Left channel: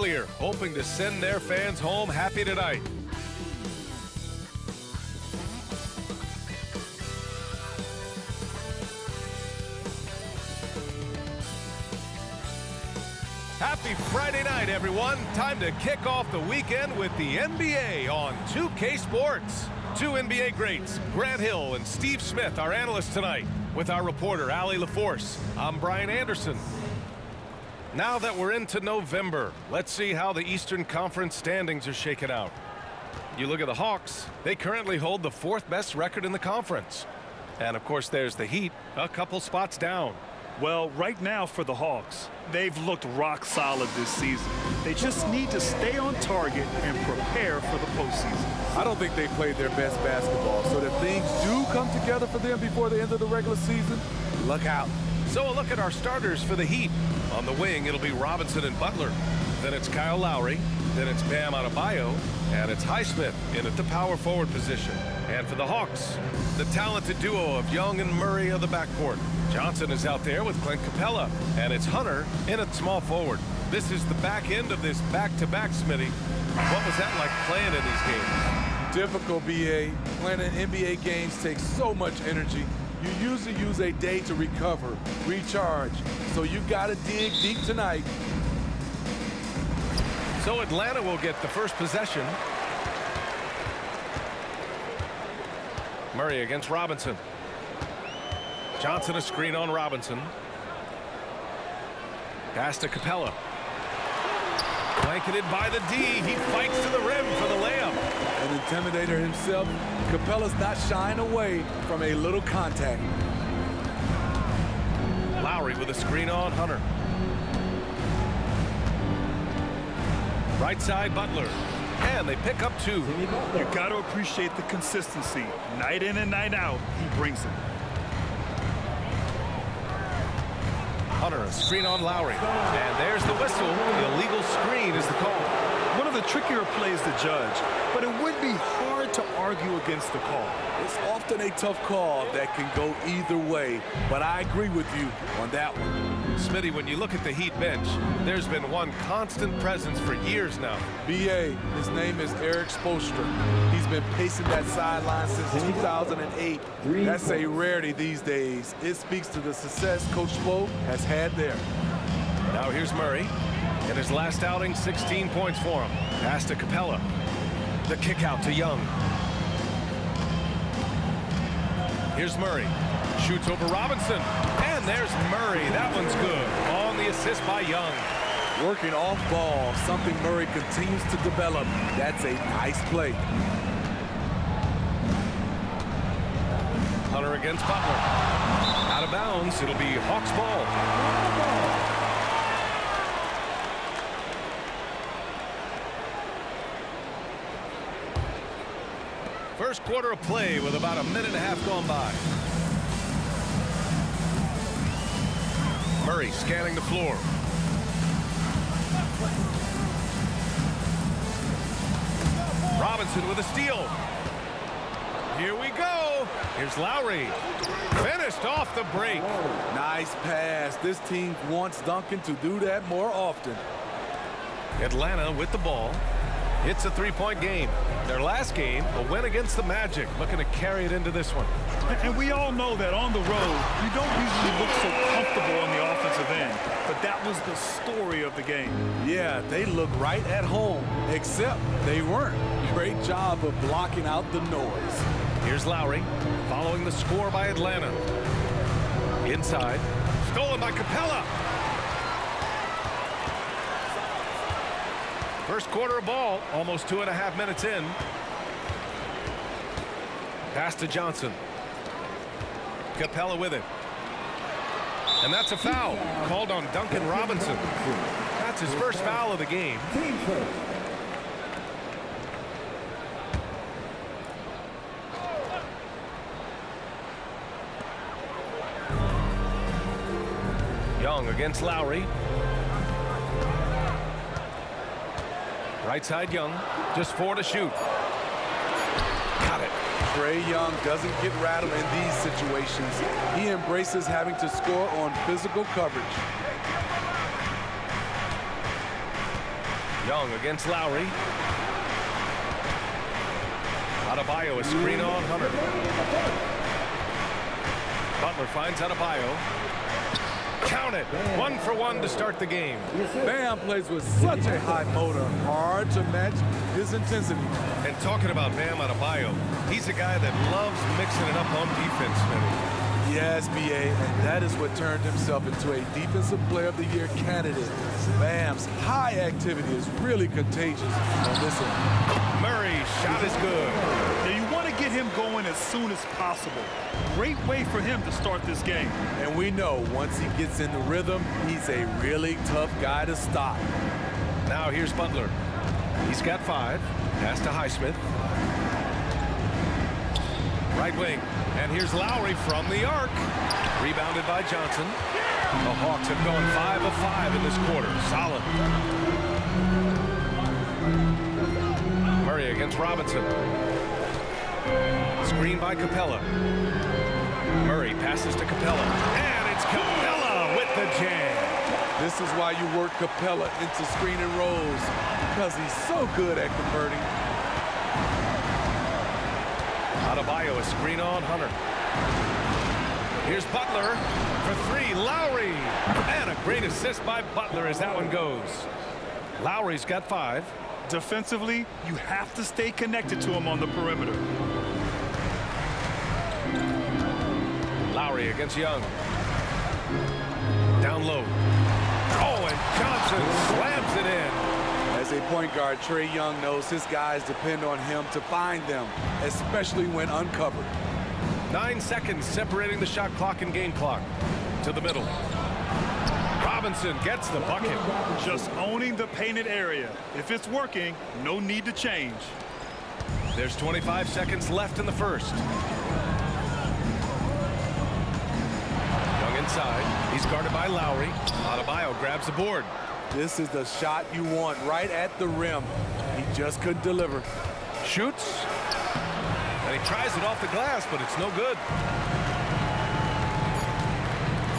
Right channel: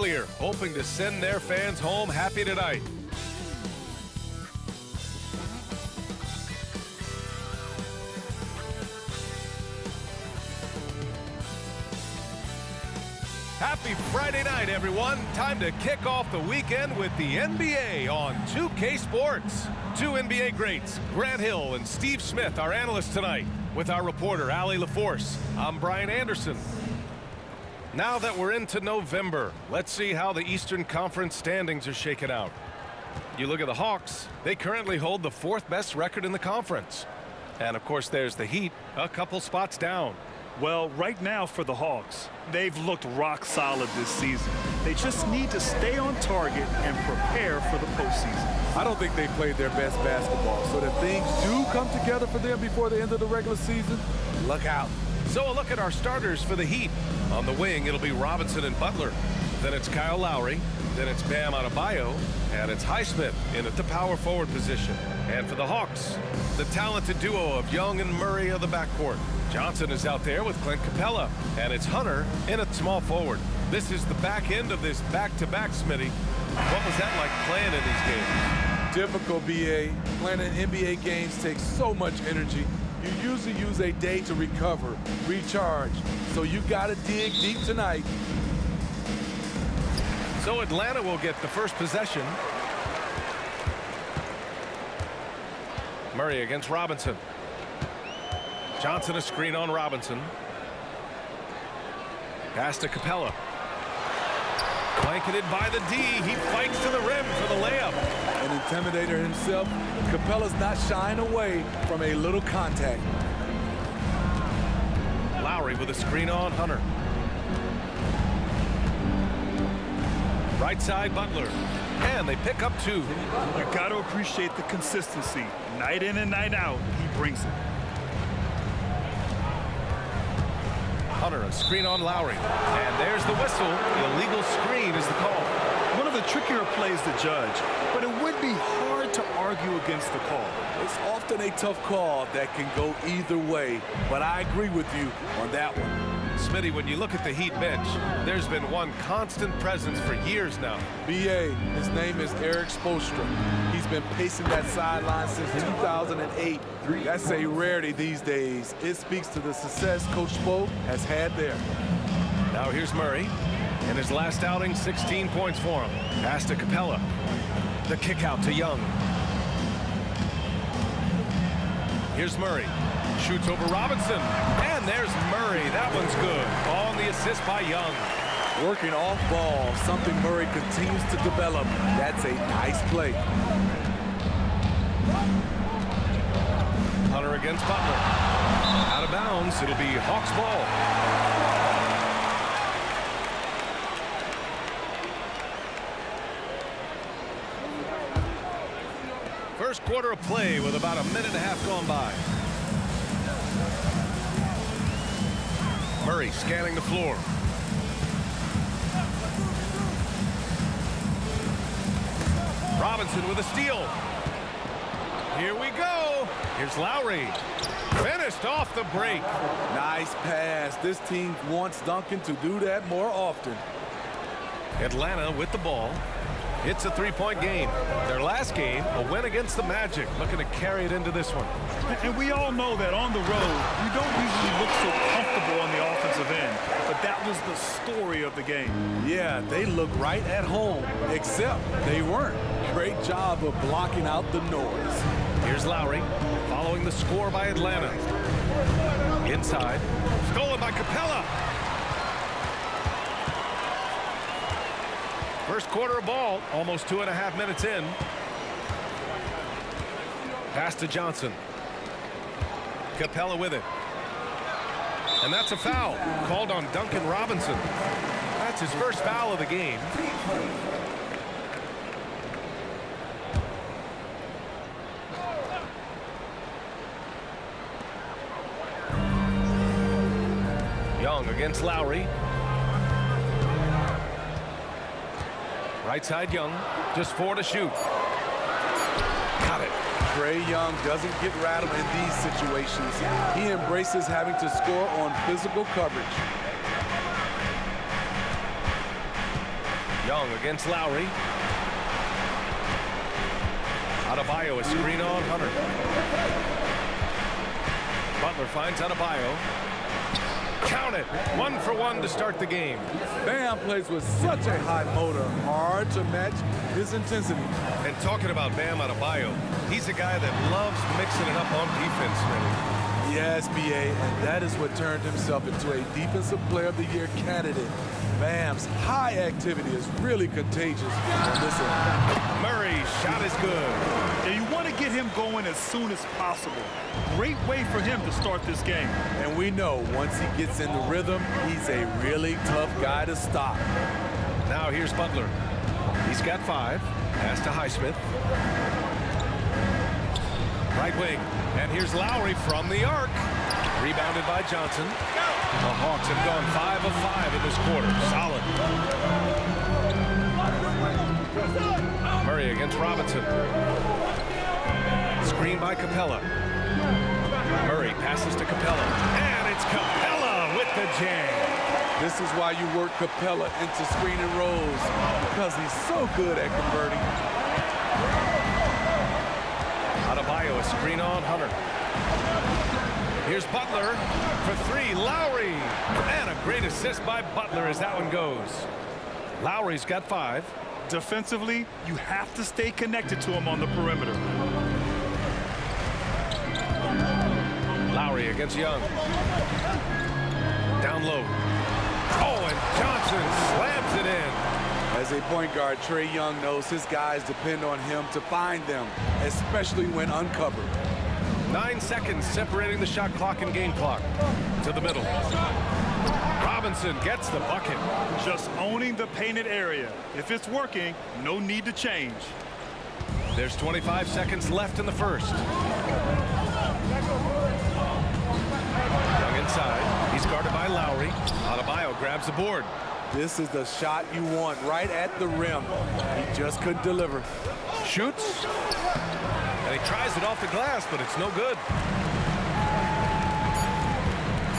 earlier, hoping to send their fans home happy tonight. Happy Friday night, everyone. Time to kick off the weekend with the NBA on 2K Sports. Two NBA greats, Grant Hill and Steve Smith, our analysts tonight, with our reporter, Allie LaForce. I'm Brian Anderson. Now that we're into November, let's see how the Eastern Conference standings are shaken out. You look at the Hawks, they currently hold the fourth best record in the conference. And of course, there's the Heat, a couple spots down. Well, right now for the Hawks, they've looked rock solid this season. They just need to stay on target and prepare for the postseason. I don't think they played their best basketball, so if things do come together for them before the end of the regular season, look out. So a look at our starters for the Heat. On the wing, it'll be Robinson and Butler. Then it's Kyle Lowry. Then it's Bam Adebayo. And it's Highsmith in at the power forward position. And for the Hawks, the talented duo of Young and Murray of the backcourt. Johnson is out there with Clint Capella. And it's Hunter in at small forward. This is the back end of this back-to-back, Smitty. What was that like playing in these games? Difficult, BA. Playing in NBA games takes so much energy. You usually use a day to recover, recharge. So you gotta dig deep tonight. So Atlanta will get the first possession. Murray against Robinson. Johnson a screen on Robinson. Pass to Capella. Blanketed by the D. He fights to the rim for the layup. An intimidator himself, Capella's not shying away from a little contact. Lowry with a screen on Hunter. Right side, Butler. And they pick up two. You got to appreciate the consistency. Night in and night out, he brings it. Hunter, a screen on Lowry. And there's the whistle. The illegal screen is the call. One of the trickier plays to judge, but it would be hard to argue against the call. It's often a tough call that can go either way, but I agree with you on that one. Smitty, when you look at the Heat bench, there's been one constant presence for years now. BA, his name is Eric Spoelstra. He's been pacing that sideline since 2008. That's a rarity these days. It speaks to the success Coach Spo has had there. Now here's Murray. In his last outing, 16 points for him. Pass to Capella. The kick out to Young. Here's Murray. Shoots over Robinson. And there's Murray. That one's good. On the assist by Young. Working off ball, something Murray continues to develop. That's a nice play. Hunter against Butler. Out of bounds. It'll be Hawks ball. First quarter of play with about a minute and a half gone by. Murray scanning the floor. Robinson with a steal. Here we go. Here's Lowry. Finished off the break. Nice pass. This team wants Duncan to do that more often. Atlanta with the ball. It's a three-point game. Their last game, a win against the Magic, looking to carry it into this one. And we all know that on the road, you don't usually look so comfortable on the offensive end. But that was the story of the game. Yeah, they look right at home, except they weren't. Great job of blocking out the noise. Here's Lowry, following the score by Atlanta. Inside, stolen by Capella. First quarter of ball, almost 2.5 minutes in. Pass to Johnson. Capella with it. And that's a foul called on Duncan Robinson. That's his first foul of the game. Young against Lowry. Right side Young, just 4 to shoot. Got it. Trae Young doesn't get rattled in these situations. He embraces having to score on physical coverage. Young against Lowry. Adebayo, a screen on Hunter. Butler finds Adebayo. Count it. 1-for-1 to start the game. Bam plays with such a high motor. Hard to match his intensity. And talking about Bam Adebayo, he's a guy that loves mixing it up on defense, Smitty. Yes, B.A., and that is what turned himself into a Defensive Player of the Year candidate. Bam's high activity is really contagious on this end. Murray, shot is good. Yeah, you want to get him going as soon as possible. Great way for him to start this game. And we know once he gets in the rhythm, he's a really tough guy to stop. Now here's Butler. He's got 5. Pass to Highsmith. Right wing. And here's Lowry from the arc. Rebounded by Johnson. The Hawks have gone 5 of 5 in this quarter. Solid. Murray against Robinson. Screen by Capella. Murray passes to Capella. And it's Capella with the jam. This is why you work Capella into screen and rolls, because he's so good at converting. Adebayo, a screen on Hunter. Here's Butler for 3. Lowry. And a great assist by Butler as that one goes. Lowry's got 5. Defensively, you have to stay connected to him on the perimeter. Lowry against Young. Down low. Oh, and Johnson slams it in. As a point guard, Trae Young knows his guys depend on him to find them, especially when uncovered. 9 seconds separating the shot clock and game clock. To the middle. Robinson gets the bucket. Just owning the painted area. If it's working, no need to change. There's 25 seconds left in the first. Young inside. He's guarded by Lowry. Adebayo grabs the board. This is the shot you want right at the rim. He just couldn't deliver. Shoots. And he tries it off the glass, but it's no good.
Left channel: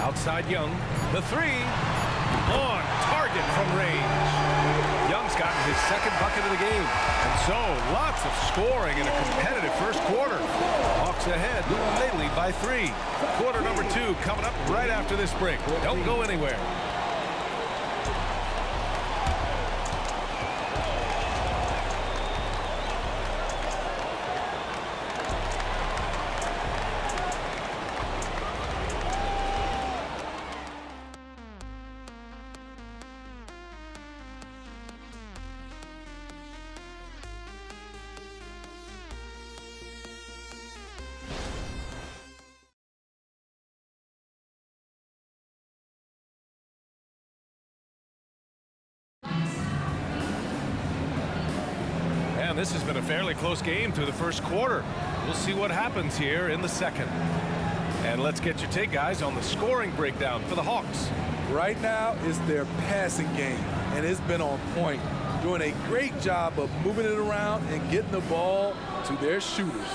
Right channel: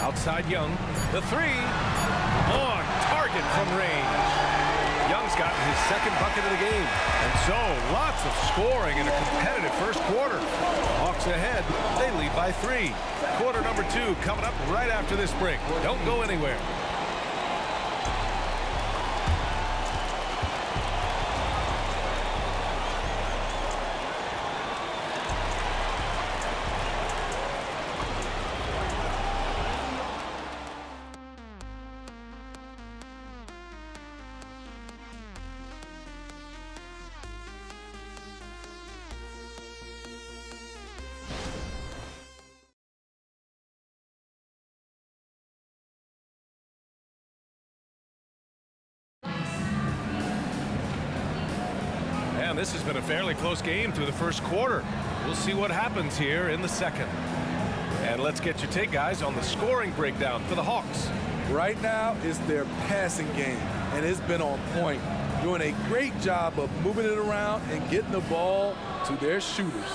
Outside Young. The 3. On target from range. Young's gotten his second bucket of the game. And so, lots of scoring in a competitive first quarter. Hawks ahead. They lead by 3. Quarter number 2 coming up right after this break. Don't go anywhere. And this has been a fairly close game through the first quarter. We'll see what happens here in the second. And let's get your take, guys, on the scoring breakdown for the Hawks. Right now, it's their passing game, and it's been on point, doing a great job of moving it around and getting the ball to their shooters.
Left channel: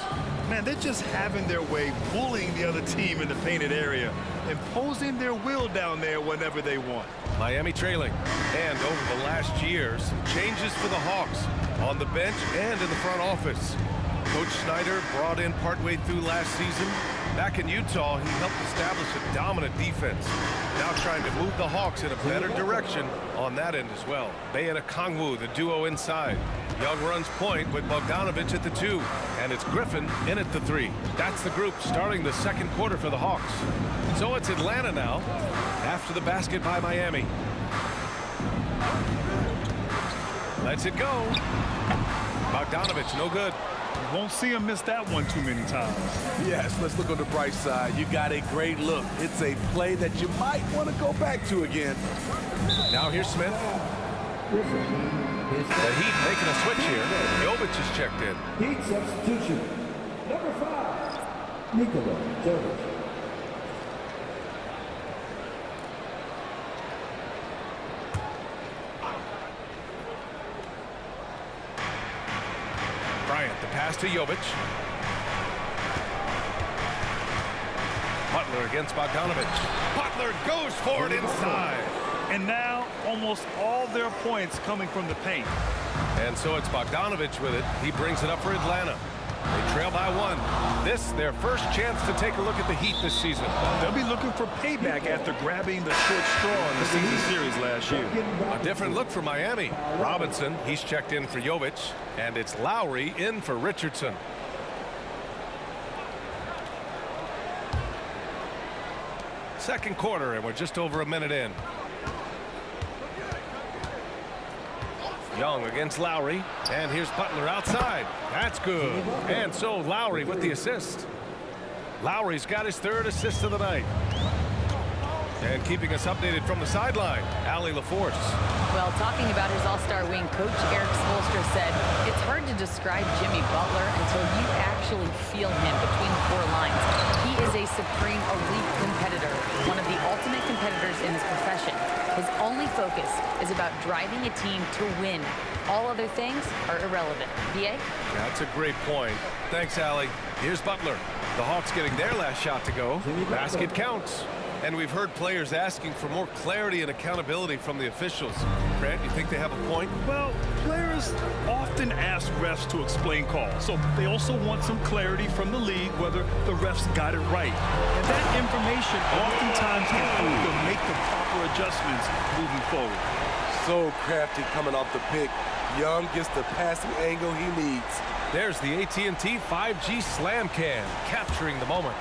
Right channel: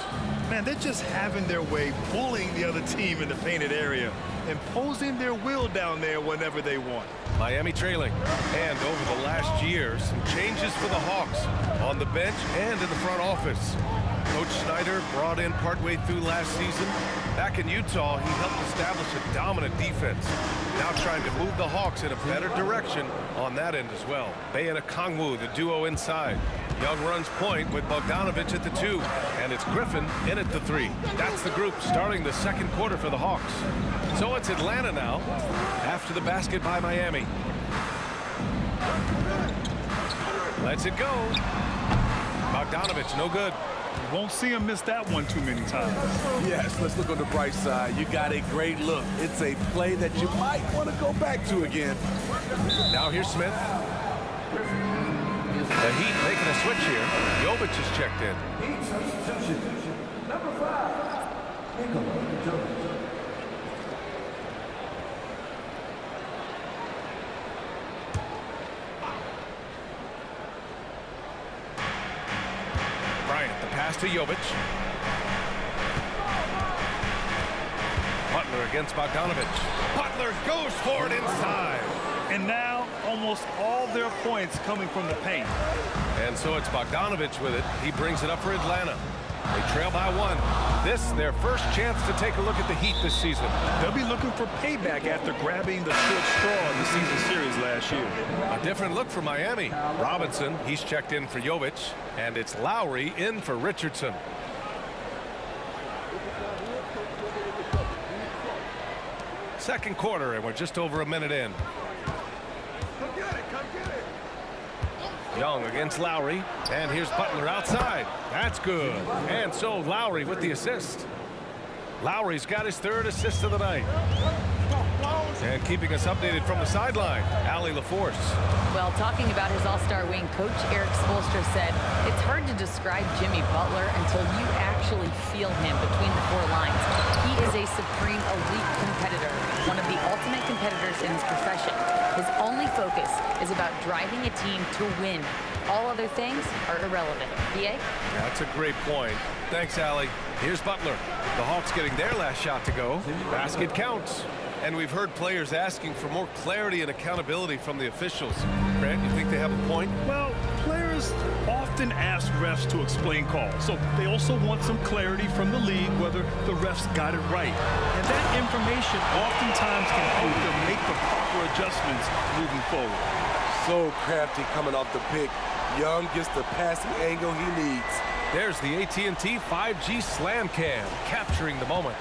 Man, they're just having their way, bullying the other team in the painted area, imposing their will down there whenever they want. Miami trailing. And over the last year, some changes for the Hawks on the bench and in the front office. Coach Snyder brought in partway through last season. Back in Utah, he helped establish a dominant defense. Now trying to move the Hawks in a better direction on that end as well. Bey and Okongwu, the duo inside. Young runs point with Bogdanovic at the 2. And it's Griffin in at the 3. That's the group starting the second quarter for the Hawks. So it's Atlanta now after the basket by Miami. Lets it go. Bogdanovic, no good. You won't see him miss that one too many times. Yes, let's look on the bright side. You got a great look. It's a play that you might want to go back to again. Now here's Smith. The Heat making a switch here. Jovic is checked in. Heat substitution. Number 5, Nikola Jovic. Bryant, the pass to Jovic. Butler against Bogdanovic. Butler goes for it inside. And now almost all their points coming from the paint. And so it's Bogdanovich with it. He brings it up for Atlanta. They trail by 1. This, their first chance to take a look at the Heat this season. They'll be looking for payback after grabbing the short straw in the season series last year. A different look for Miami. Robinson, he's checked in for Jovic. And it's Lowry in for Richardson. Second quarter, and we're just over a minute in. Young against Lowry, and here's Butler outside. That's good. And so Lowry with the assist. Lowry's got his 3rd assist of the night. And keeping us updated from the sideline, Allie LaForce. Well, talking about his all-star wing, Coach Eric Spoelstra said, it's hard to describe Jimmy Butler until you actually feel him between the 4 lines. He is a supreme elite competitor, one of the ultimate competitors in his profession. His only focus is about driving a team to win. All other things are irrelevant. B.A.? That's a great point. Thanks, Allie. Here's Butler. The Hawks getting their last shot to go. Basket counts. And we've heard players asking for more clarity and accountability from the officials. Grant, you think they have a point? Well, players often ask refs to explain calls, so they also want some clarity from the league whether the refs got it right. And that information oftentimes can help them make the proper adjustments moving forward. So crafty coming off the pick. Young gets the passing angle he needs. There's the AT&T 5G Slam Cam, capturing the moment.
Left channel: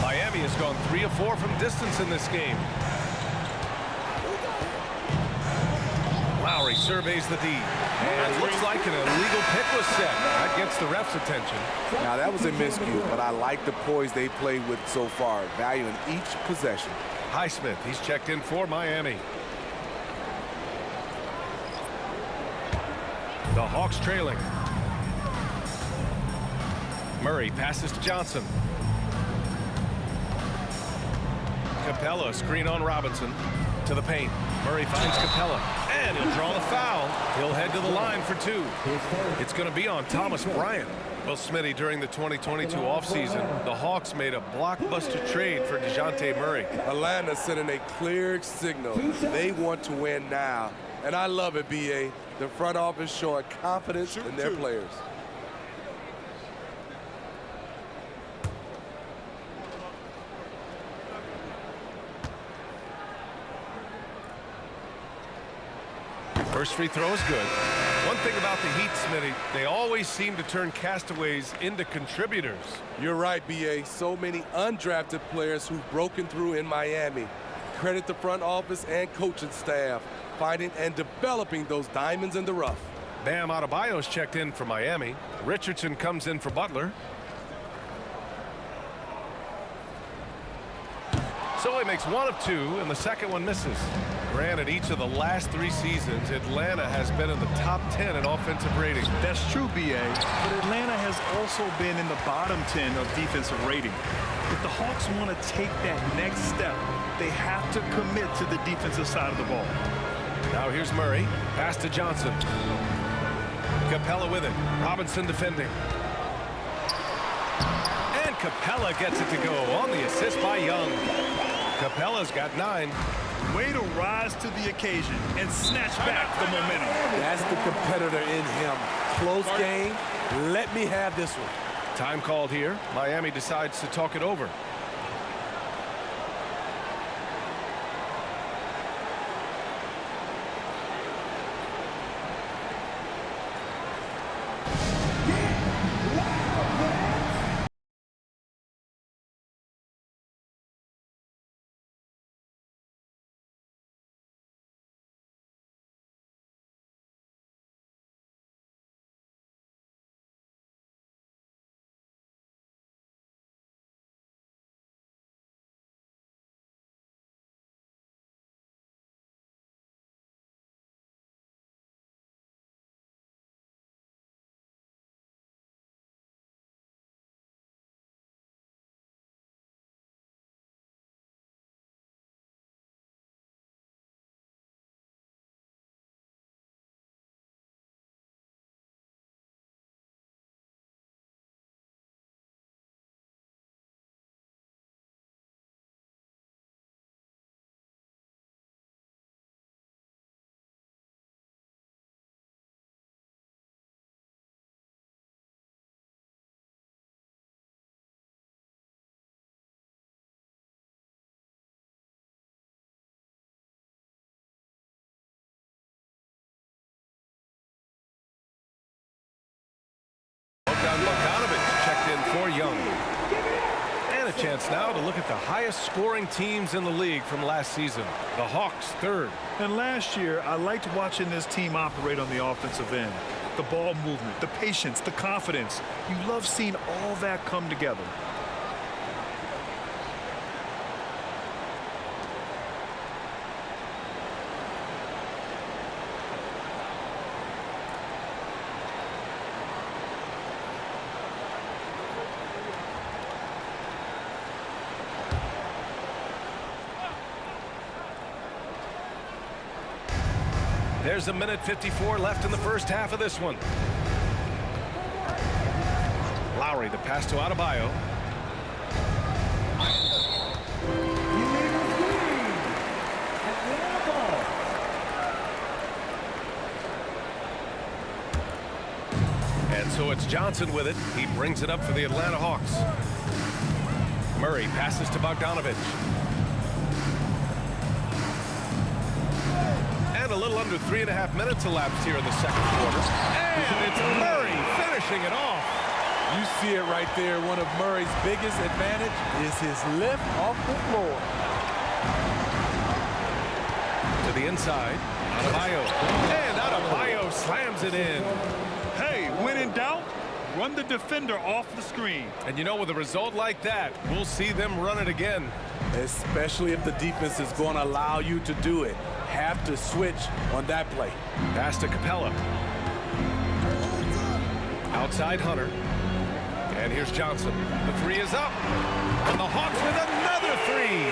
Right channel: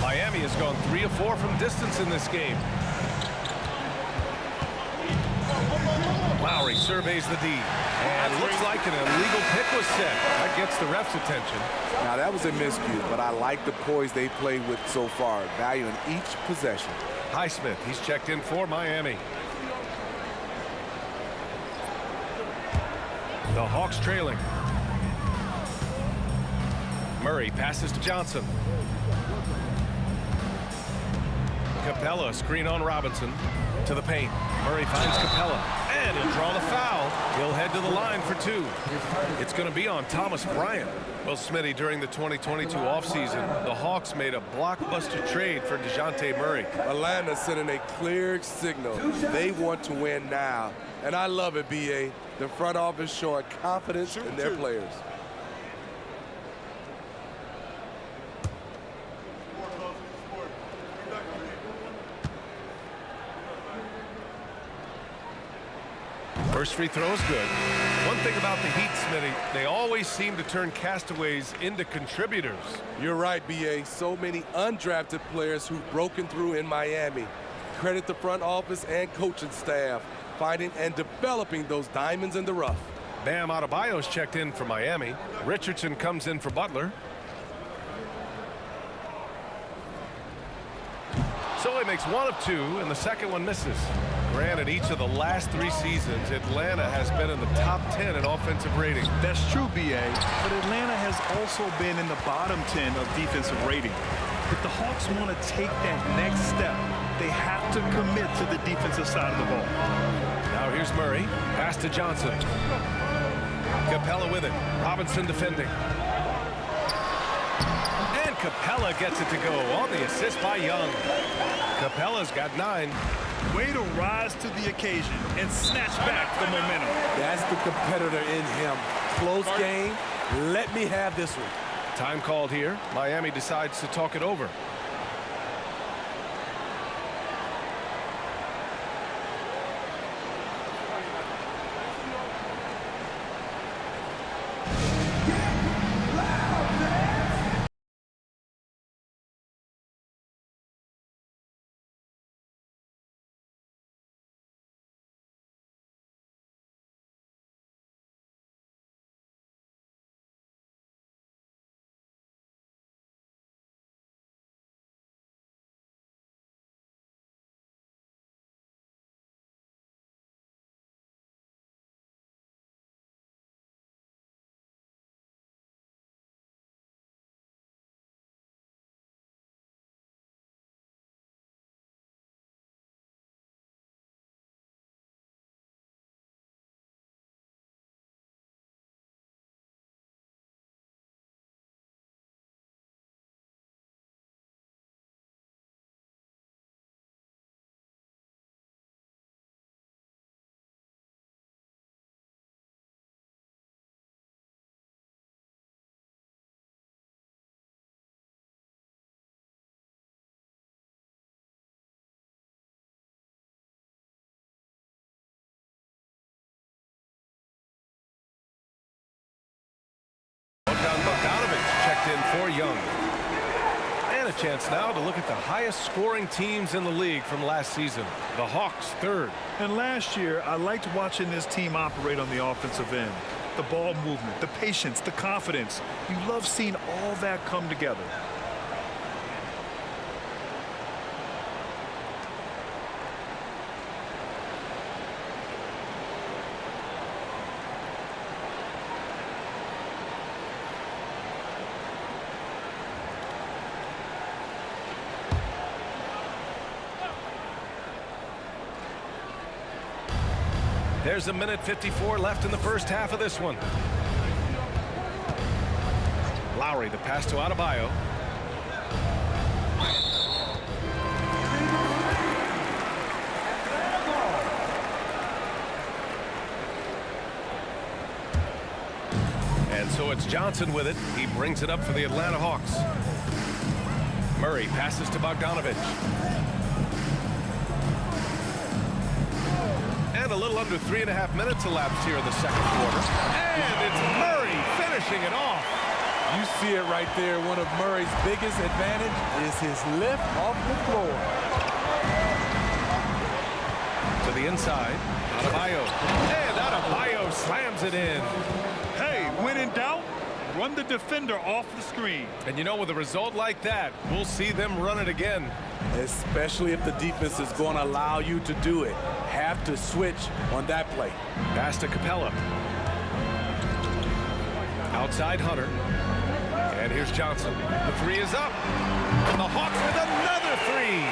Miami has gone 3 of 4 from distance in this game. Lowry surveys the D. And looks like an illegal pick was set. That gets the ref's attention. Now, that was a miscue, but I like the poise they played with so far, valuing each possession. Highsmith, he's checked in for Miami. The Hawks trailing. Murray passes to Johnson. Capella, screen on Robinson. To the paint. Murray finds Capella. And he'll draw the foul. He'll head to the line for 2. It's going to be on Thomas Bryant. Well, Smitty, during the 2022 offseason, the Hawks made a blockbuster trade for DeJounte Murray. Atlanta sending a clear signal. They want to win now. And I love it, B.A. The front office showing confidence in their players. First free throw is good. One thing about the Heat, Smitty, they always seem to turn castaways into contributors. You're right, B.A. So many undrafted players who've broken through in Miami. Credit the front office and coaching staff, finding and developing those diamonds in the rough. Bam Adebayo's checked in for Miami. Richardson comes in for Butler. So he makes 1 of 2, and the second one misses. Granted, each of the last 3 seasons, Atlanta has been in the top 10 in offensive rating. That's true, B.A., but Atlanta has also been in the bottom 10 of defensive rating. If the Hawks want to take that next step, they have to commit to the defensive side of the ball. Now here's Murray. Pass to Johnson. Capella with it. Robinson defending. And Capella gets it to go on the assist by Young. Capella's got 9. Way to rise to the occasion and snatch back the momentum. That's the competitor in him. Close game. Let me have this one. Time called here. Miami decides to talk it over. Bogdan Bogdanovic checked in for Young. And a chance now to look at the highest scoring teams in the league from last season. The Hawks, third. And last year, I liked watching this team operate on the offensive end. The ball movement, the patience, the confidence. You love seeing all that come together. There's a minute 54 left in the first half of this one. Lowry, the pass to Adebayo. And so it's Johnson with it. He brings it up for the Atlanta Hawks. Murray passes to Bogdanovic. And a little under 3.5 minutes elapsed here in the second quarter. And it's Murray finishing it off. You see it right there. One of Murray's biggest advantage is his lift off the floor. To the inside, Adebayo. And Adebayo slams it in. Hey, when in doubt, run the defender off the screen. And you know, with a result like that, we'll see them run it again. Especially if the defense is going to allow you to do it. Have to switch on that play. Pass to Capella. Outside Hunter. And here's Johnson. The three is up. And the Hawks with another three.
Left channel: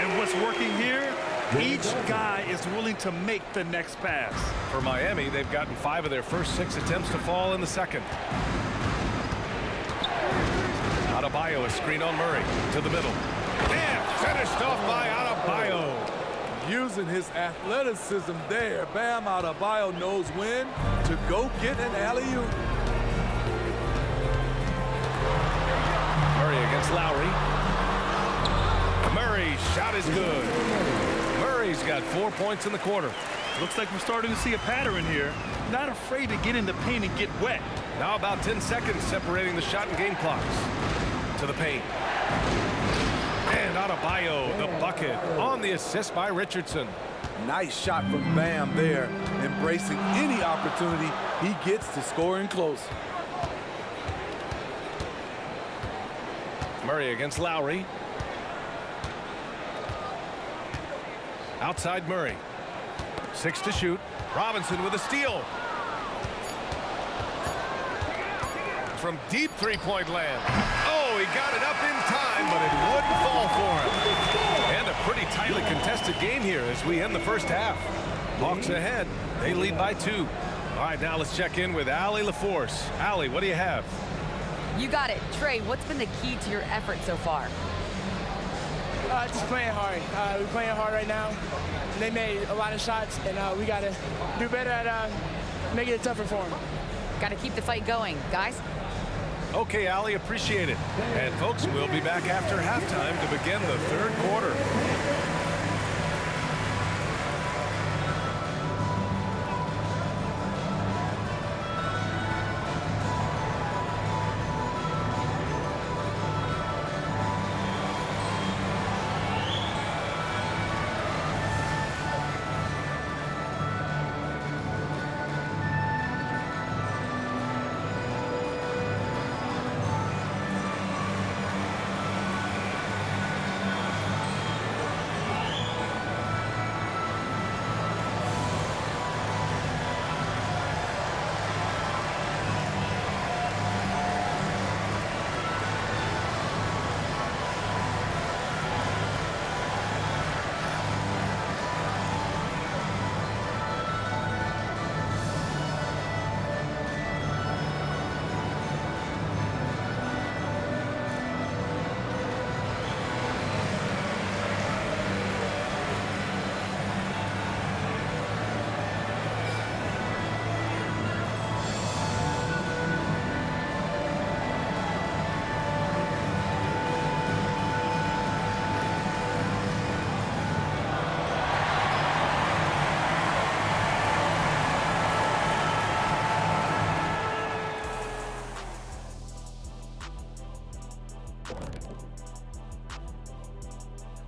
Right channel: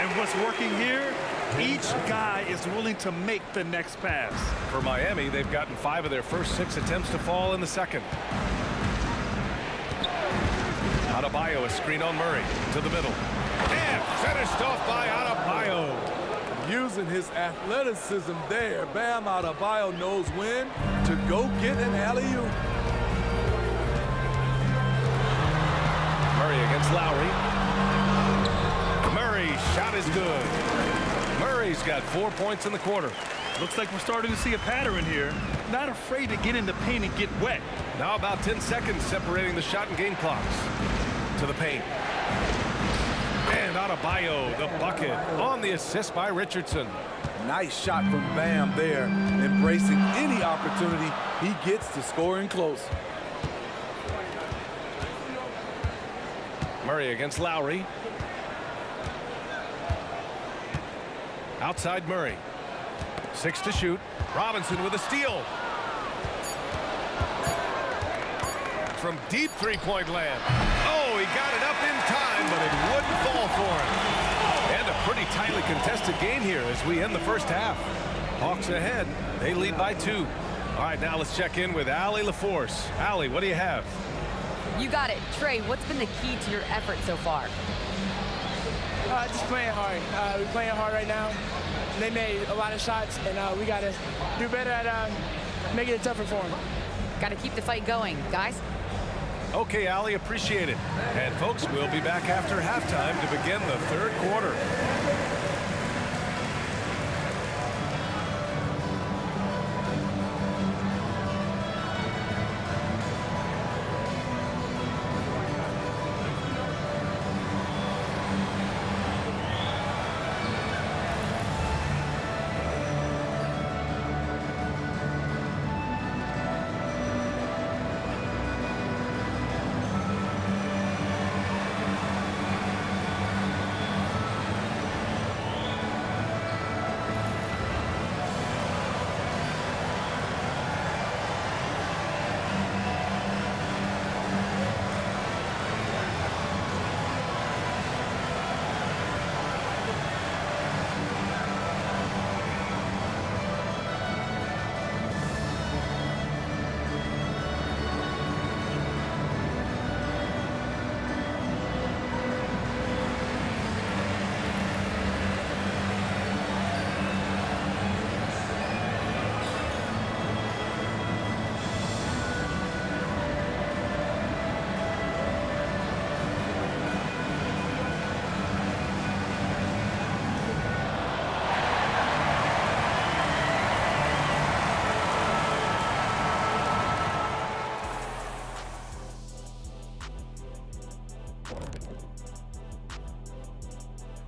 And what's working here? Each guy is willing to make the next pass. For Miami, they've gotten 5 of their first 6 attempts to fall in the second. Adebayo, a screen on Murray. To the middle. And finished off by Adebayo. Using his athleticism there, Bam Adebayo knows when to go get an alley-oop. Murray against Lowry. Murray's shot is good. Murray's got 4 points in the quarter. Looks like we're starting to see a pattern here. Not afraid to get in the paint and get wet. Now about 10 seconds separating the shot and game clocks. To the paint. And Adebayo, the bucket, on the assist by Richardson. Nice shot from Bam there, embracing any opportunity he gets to scoring close. Murray against Lowry. Outside Murray. 6 to shoot. Robinson with a steal. From deep three-point land. Oh, he got it up in time, but it wouldn't fall for him. And a pretty tightly contested game here as we end the first half. Hawks ahead. They lead by 2. All right, now let's check in with Allie LaForce. Allie, what do you have? You got it. Trey, what's been the key to your effort so far? Just playing hard. We're playing hard right now. They made a lot of shots, and we got to do better at making it tougher for them. Got to keep the fight going, guys. Okay, Allie, appreciate it. And folks, we'll be back after halftime to begin the third quarter.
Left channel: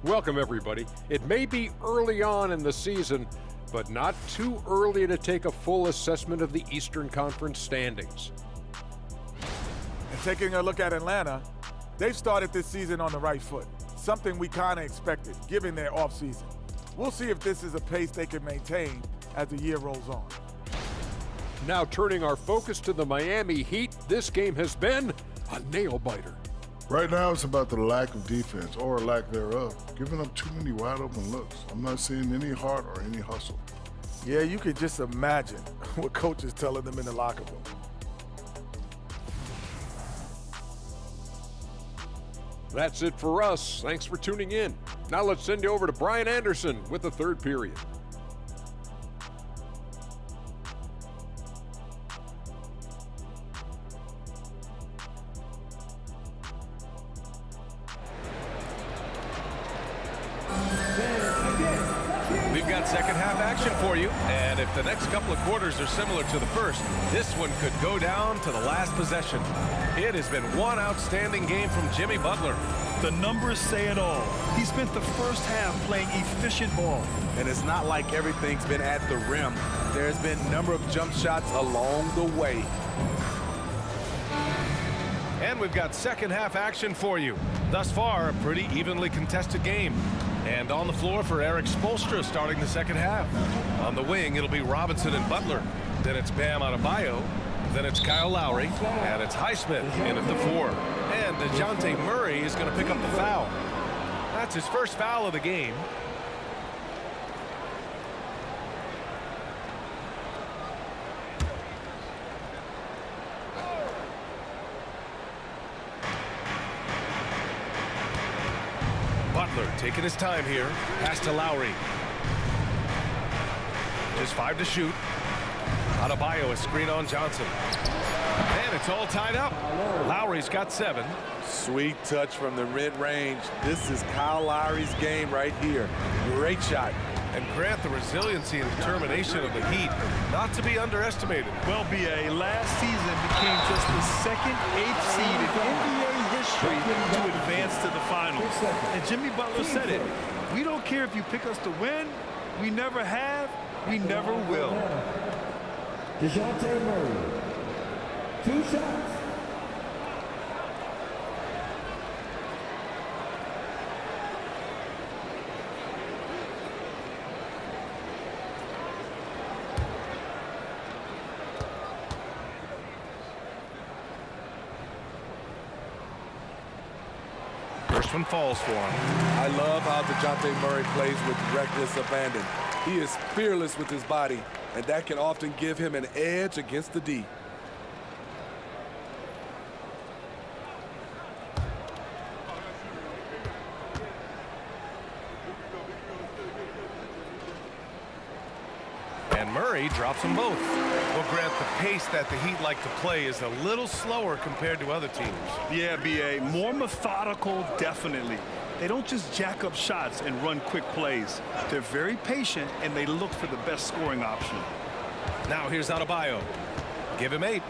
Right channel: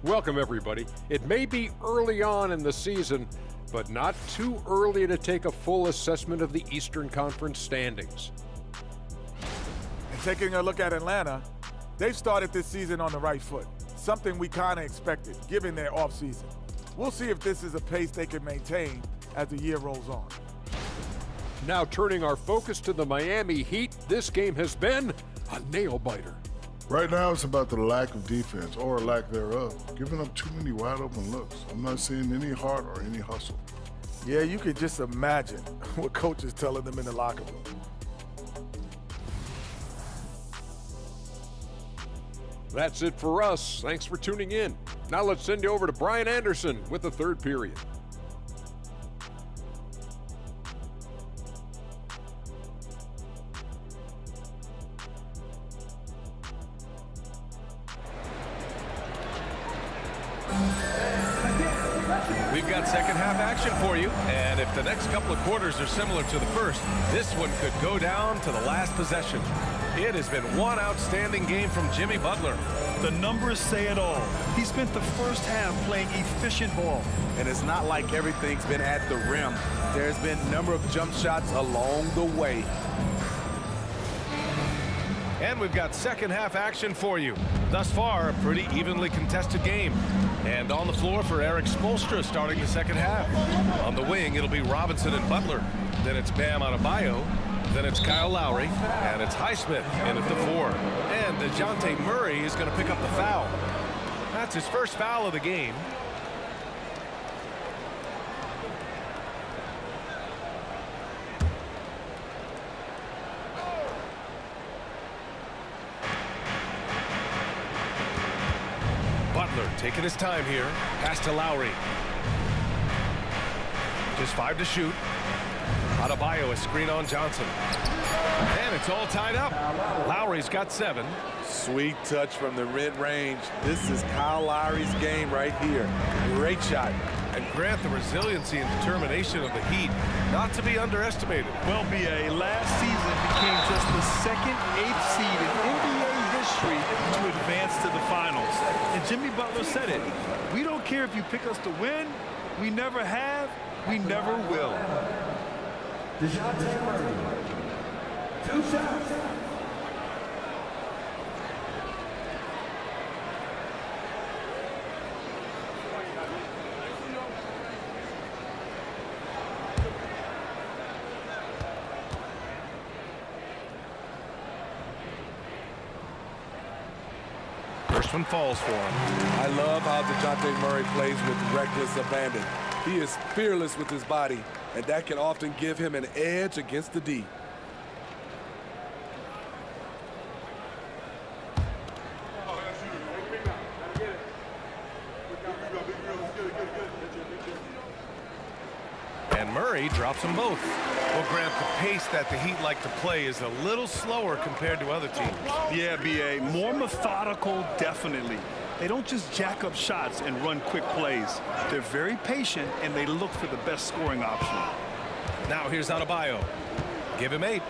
Welcome, everybody. It may be early on in the season, but not too early to take a full assessment of the Eastern Conference standings. And taking a look at Atlanta, they've started this season on the right foot, something we kind of expected, given their offseason. We'll see if this is a pace they can maintain as the year rolls on. Now turning our focus to the Miami Heat, this game has been a nail-biter. Right now, it's about the lack of defense, or lack thereof, giving up too many wide-open looks. I'm not seeing any heart or any hustle. Yeah, you can just imagine what coach is telling them in the locker room. That's it for us. Thanks for tuning in. Now let's send you over to Brian Anderson with the third period. We've got second half action for you, and if the next couple of quarters are similar to the first, this one could go down to the last possession. It has been one outstanding game from Jimmy Butler. The numbers say it all. He spent the first half playing efficient ball. And it's not like everything's been at the rim. There's been a number of jump shots along the way. And we've got second half action for you. Thus far, a pretty evenly contested game. And on the floor for Erik Spoelstra starting the second half. On the wing, it'll be Robinson and Butler. Then it's Bam Adebayo. Then it's Kyle Lowry. And it's Highsmith in at the 4. And DeJounte Murray is going to pick up the foul. That's his first foul of the game. Butler taking his time here. Pass to Lowry. Just 5 to shoot. Adebayo a screen on Johnson. And it's all tied up. Lowry's got 7. Sweet touch from the mid-range. This is Kyle Lowry's game right here. Great shot. And Grant, the resiliency and determination of the Heat, not to be underestimated. Well, B.A., last season became just the second 8th seed in NBA history to advance to the finals. And Jimmy Butler said it. We don't care if you pick us to win. We never have. We never will. DeJounte Murray. 2 shots. First one falls for him. I love how DeJounte Murray plays with reckless abandon. He is fearless with his body, and that can often give him an edge against the D. And Murray drops them both. Well, Grant, the pace that the Heat like to play is a little slower compared to other teams. Yeah, B.A., more methodical, definitely. They don't just jack up shots and run quick plays. They're very patient, and they look for the best scoring option. Now here's Adebayo. Give him 8.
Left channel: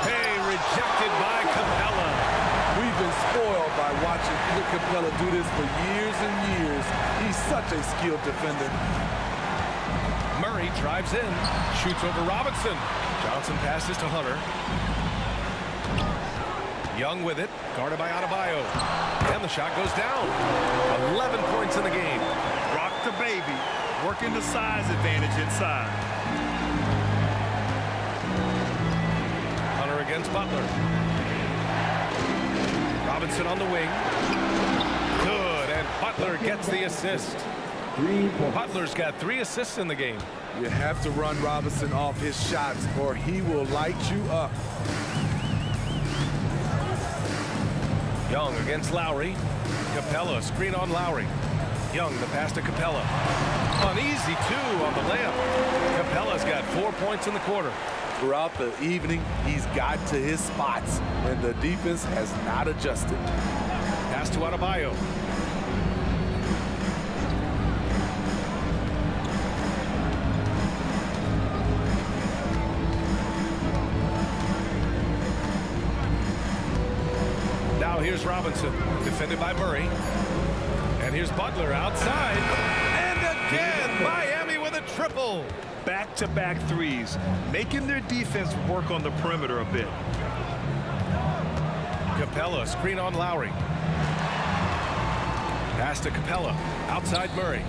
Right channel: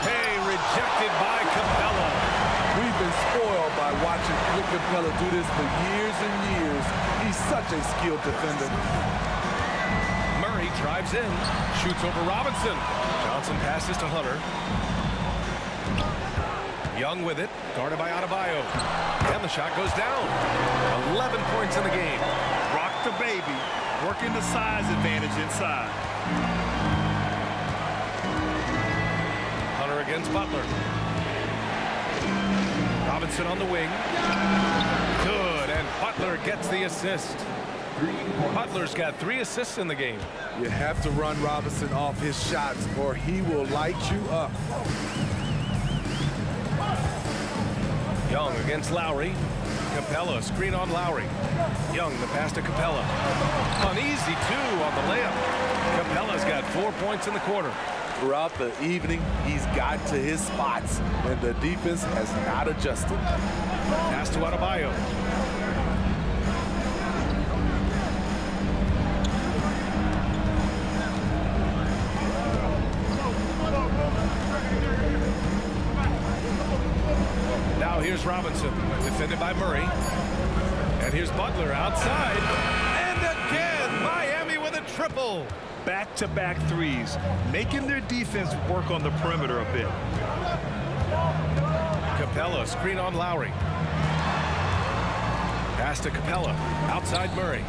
Hey, rejected by Capella. We've been spoiled by watching Clint Capella do this for years and years. He's such a skilled defender. Murray drives in, shoots over Robinson. Johnson passes to Hunter. Young with it, guarded by Adebayo. And the shot goes down. 11 points in the game. Rock the baby, working the size advantage inside. Hunter against Butler. Robinson on the wing. Good, and Butler gets the assist. 3 points. Butler's got 3 assists in the game. You have to run Robinson off his shots, or he will light you up. Young against Lowry. Capella, screen on Lowry. Young, the pass to Capella. An easy 2 on the layup. Capella's got 4 points in the quarter. Throughout the evening, he's got to his spots, and the defense has not adjusted. Pass to Adebayo. here's Robinson, defended by Murray. And here's Butler outside. And again, Miami with a triple. Back-to-back threes, making their defense work on the perimeter a bit. Capella, screen on Lowry. Pass to Capella, outside Murray.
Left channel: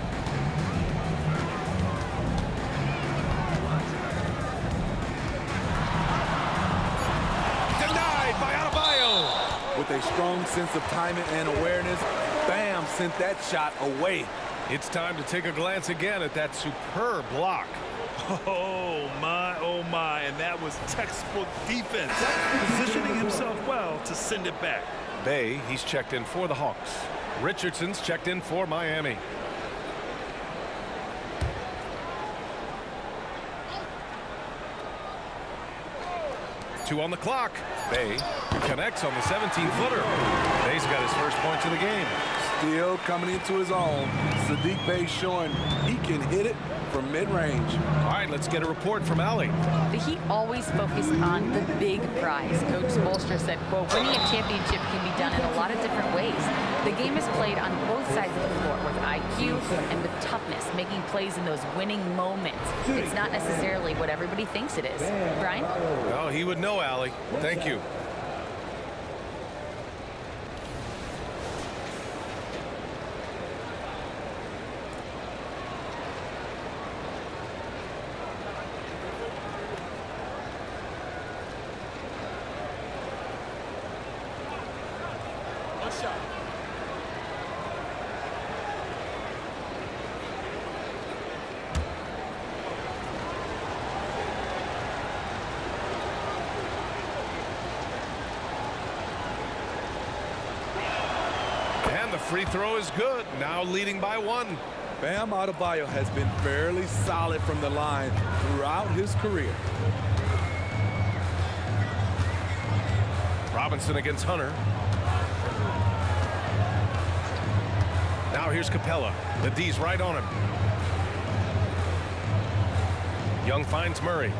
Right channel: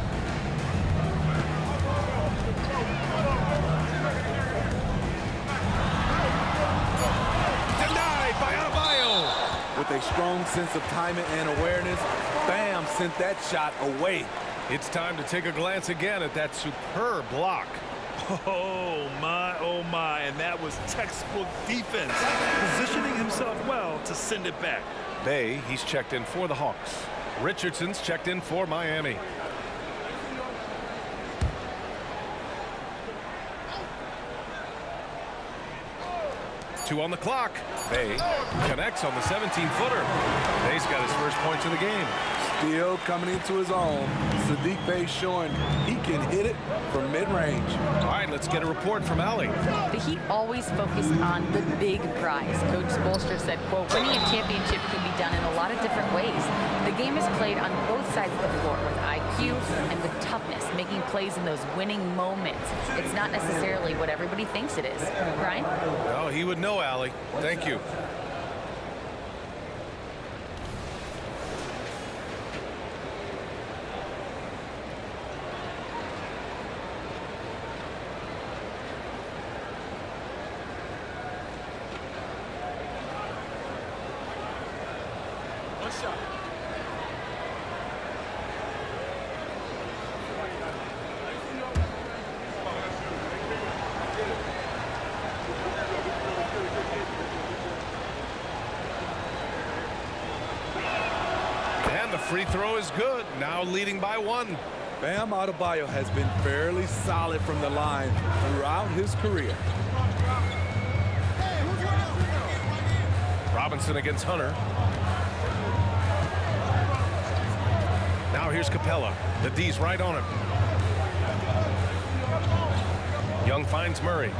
Denied by Adebayo. With a strong sense of timing and awareness, Bam sent that shot away. It's time to take a glance again at that superb block. Oh my, and that was textbook defense, positioning himself well to send it back. Bay, he's checked in for the Hawks. Richardson's checked in for Miami. Two on the clock. Bay connects on the 17-footer. Bay's got his first points of the game. Still coming into his own. Saddiq Bey showing he can hit it from mid-range. All right, let's get a report from Allie. The Heat always focus on the big prize. Coach Spoelstra said, quote, winning a championship can be done in a lot of different ways. The game is played on both sides of the floor with IQ and with toughness, making plays in those winning moments. It's not necessarily what everybody thinks it is. Brian? Well, he would know, Allie. Thank you. One shot. And the free throw is good. Now leading by one. Bam Adebayo has been fairly solid from the line throughout his career. Robinson against Hunter. Now here's Capella. The D's right on him. Young finds Murray.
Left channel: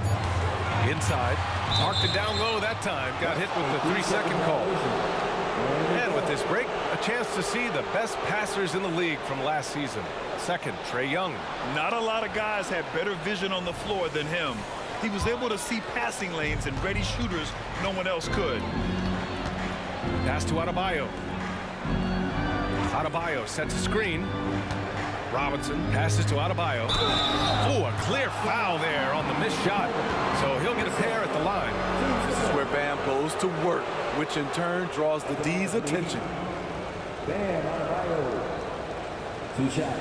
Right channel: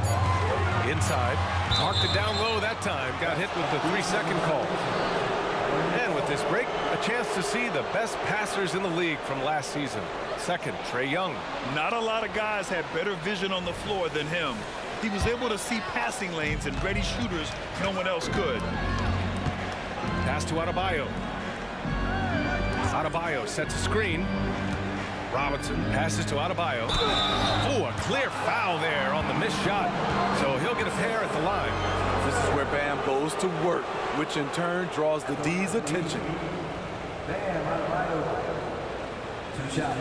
Inside. Marked it down low that time. Got hit with the 3-second call. And with this break, a chance to see the best passers in the league from last season. Second, Trae Young. Not a lot of guys had better vision on the floor than him. He was able to see passing lanes and ready shooters no one else could. Pass to Adebayo. Adebayo sets a screen. Robinson passes to Adebayo. Oh, a clear foul there on the missed shot. So he'll get a pair at the line. This is where Bam goes to work, which in turn draws the D's attention. Bam Adebayo. 2 shots.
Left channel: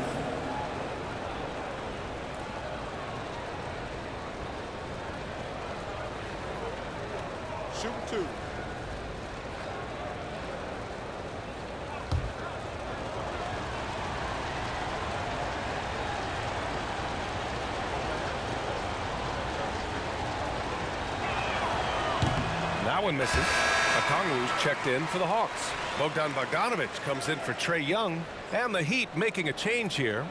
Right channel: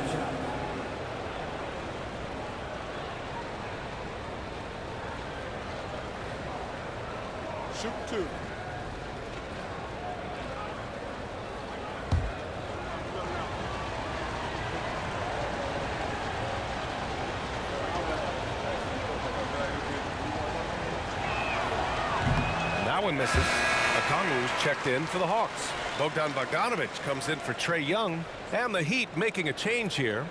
Shooting 2. That one misses. Okongwu's checked in for the Hawks. Bogdan Bogdanovic comes in for Trae Young. And the Heat making a change here.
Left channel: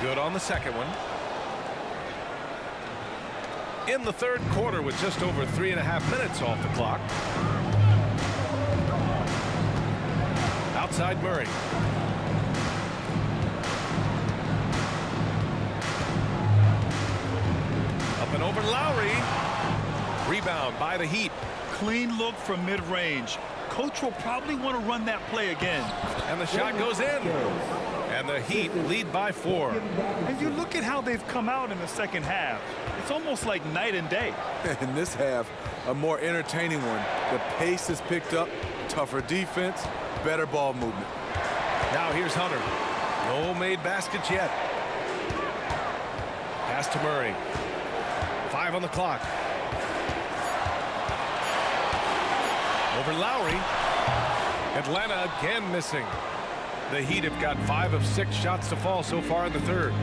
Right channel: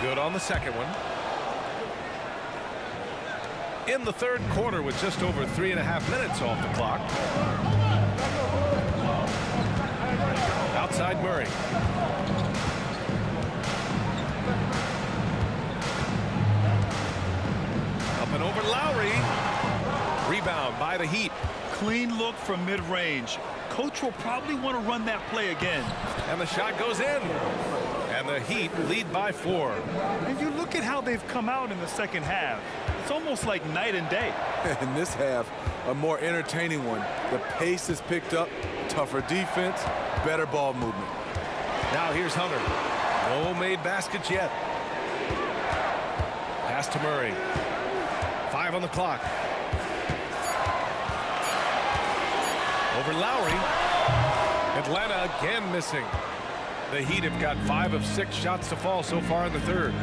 Good on the second one. In the third quarter with just over 3.5 minutes off the clock. Outside Murray. Up and over Lowry. Rebound by the Heat. Clean look from mid-range. Coach will probably want to run that play again. And the shot goes in. And the Heat lead by 4. And you look at how they've come out in the second half. It's almost like night and day. In this half, a more entertaining one. The pace is picked up, tougher defense, better ball movement. Now here's Hunter. No made baskets yet. Pass to Murray. 5 on the clock. Over Lowry. Atlanta again missing. The Heat have got 5 of 6 shots to fall so far in the third.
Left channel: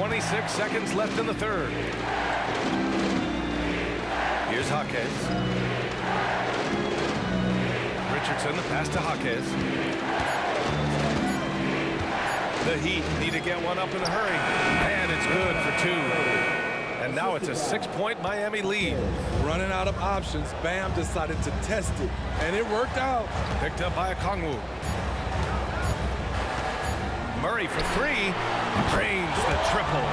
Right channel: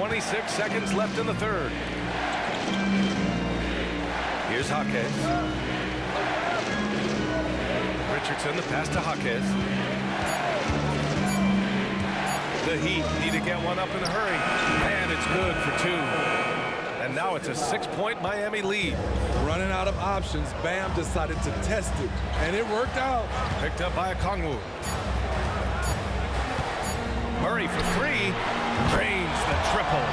26 seconds left in the third. Here's Jaquez. Richardson, the pass to Jaquez. The Heat need to get one up in a hurry. And it's good for 2. And now it's a 6-point Miami lead. Running out of options, Bam decided to test it, and it worked out. Picked up by Okongwu. Murray for 3. Drains the triple.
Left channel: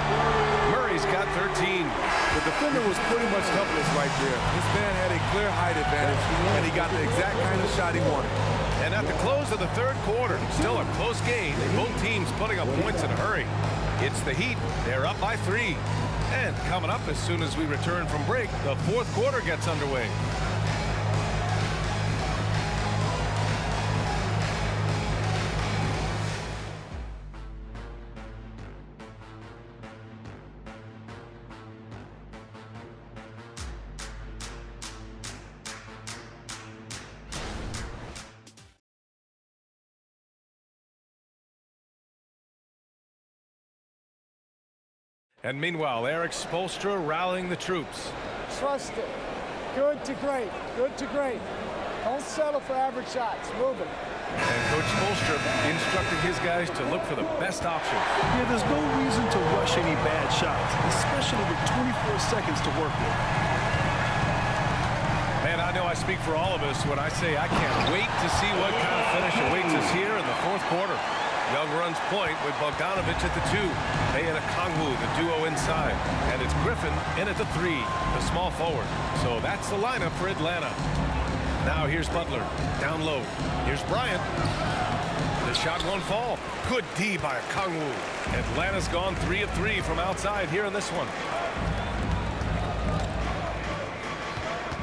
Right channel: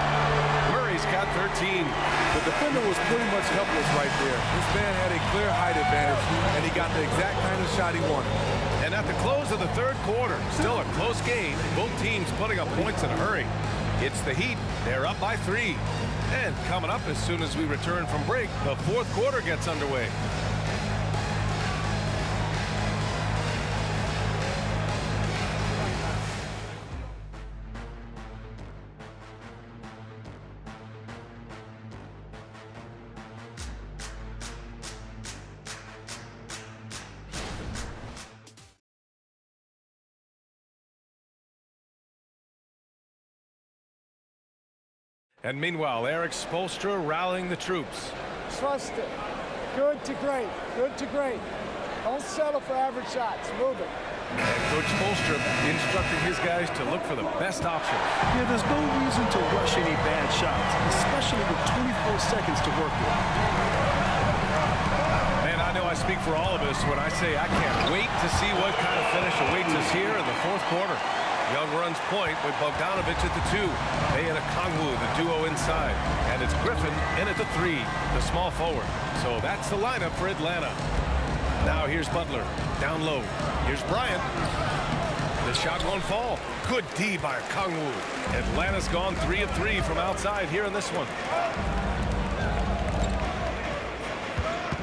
Murray's got 13. The defender was pretty much helpless right there. This man had a clear height advantage, and he got the exact kind of shot he wanted. And at the close of the third quarter, still a close game. Both teams putting up points in a hurry. It's the Heat. They're up by 3. And coming up as soon as we return from break, the fourth quarter gets underway. And meanwhile, Erik Spoelstra rallying the troops. Trust it. Good to great. Good to great. Don't settle for average shots. Move it. And Coach Spoelstra instructing his guys to look for the best option. Yeah, there's no reason to rush any bad shots, especially with 24 seconds to work with. Man, I know I speak for all of us when I say I can't wait to see what kind of finish awaits us here in the fourth quarter. Young runs point with Bogdanovic at the 2. They and Okongwu, the duo inside. And it's Griffin in at the 3, the small forward. So that's the lineup for Atlanta. Now here's Butler, down low. Here's Bryant. The shot won't fall. Good D by Okongwu. Atlanta's gone 3 of 3 from outside here in this one.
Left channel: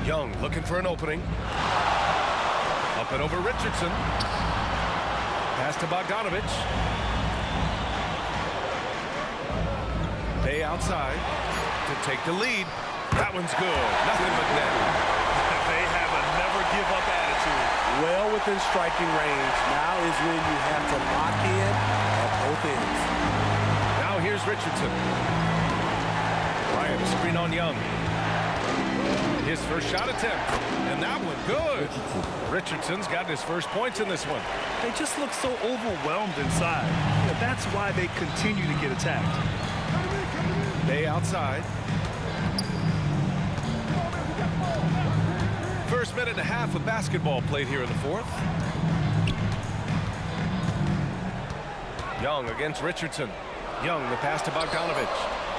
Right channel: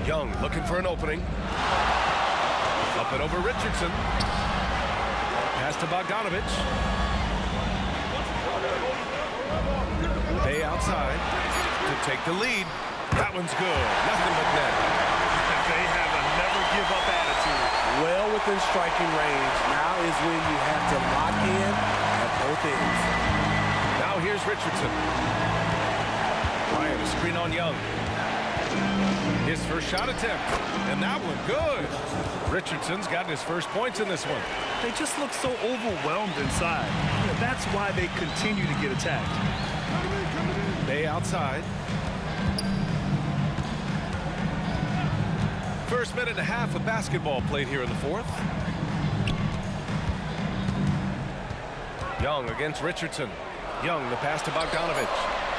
Young looking for an opening. Up and over Richardson. Pass to Bogdanovic. Bay outside to take the lead. That one's good. Nothing but net. They have a never-give-up attitude. Well within striking range. Now is when you have to lock in at both ends. Now here's Richardson. Bryant, a screen on Young. His first shot attempt. And that one, good. Richardson's got his first points in this one. They just look so overwhelmed inside. You know, that's why they continue to get attacked. Bay outside. First minute and a half of basketball played here in the fourth. Young against Richardson. Young, the pass to Bogdanovic.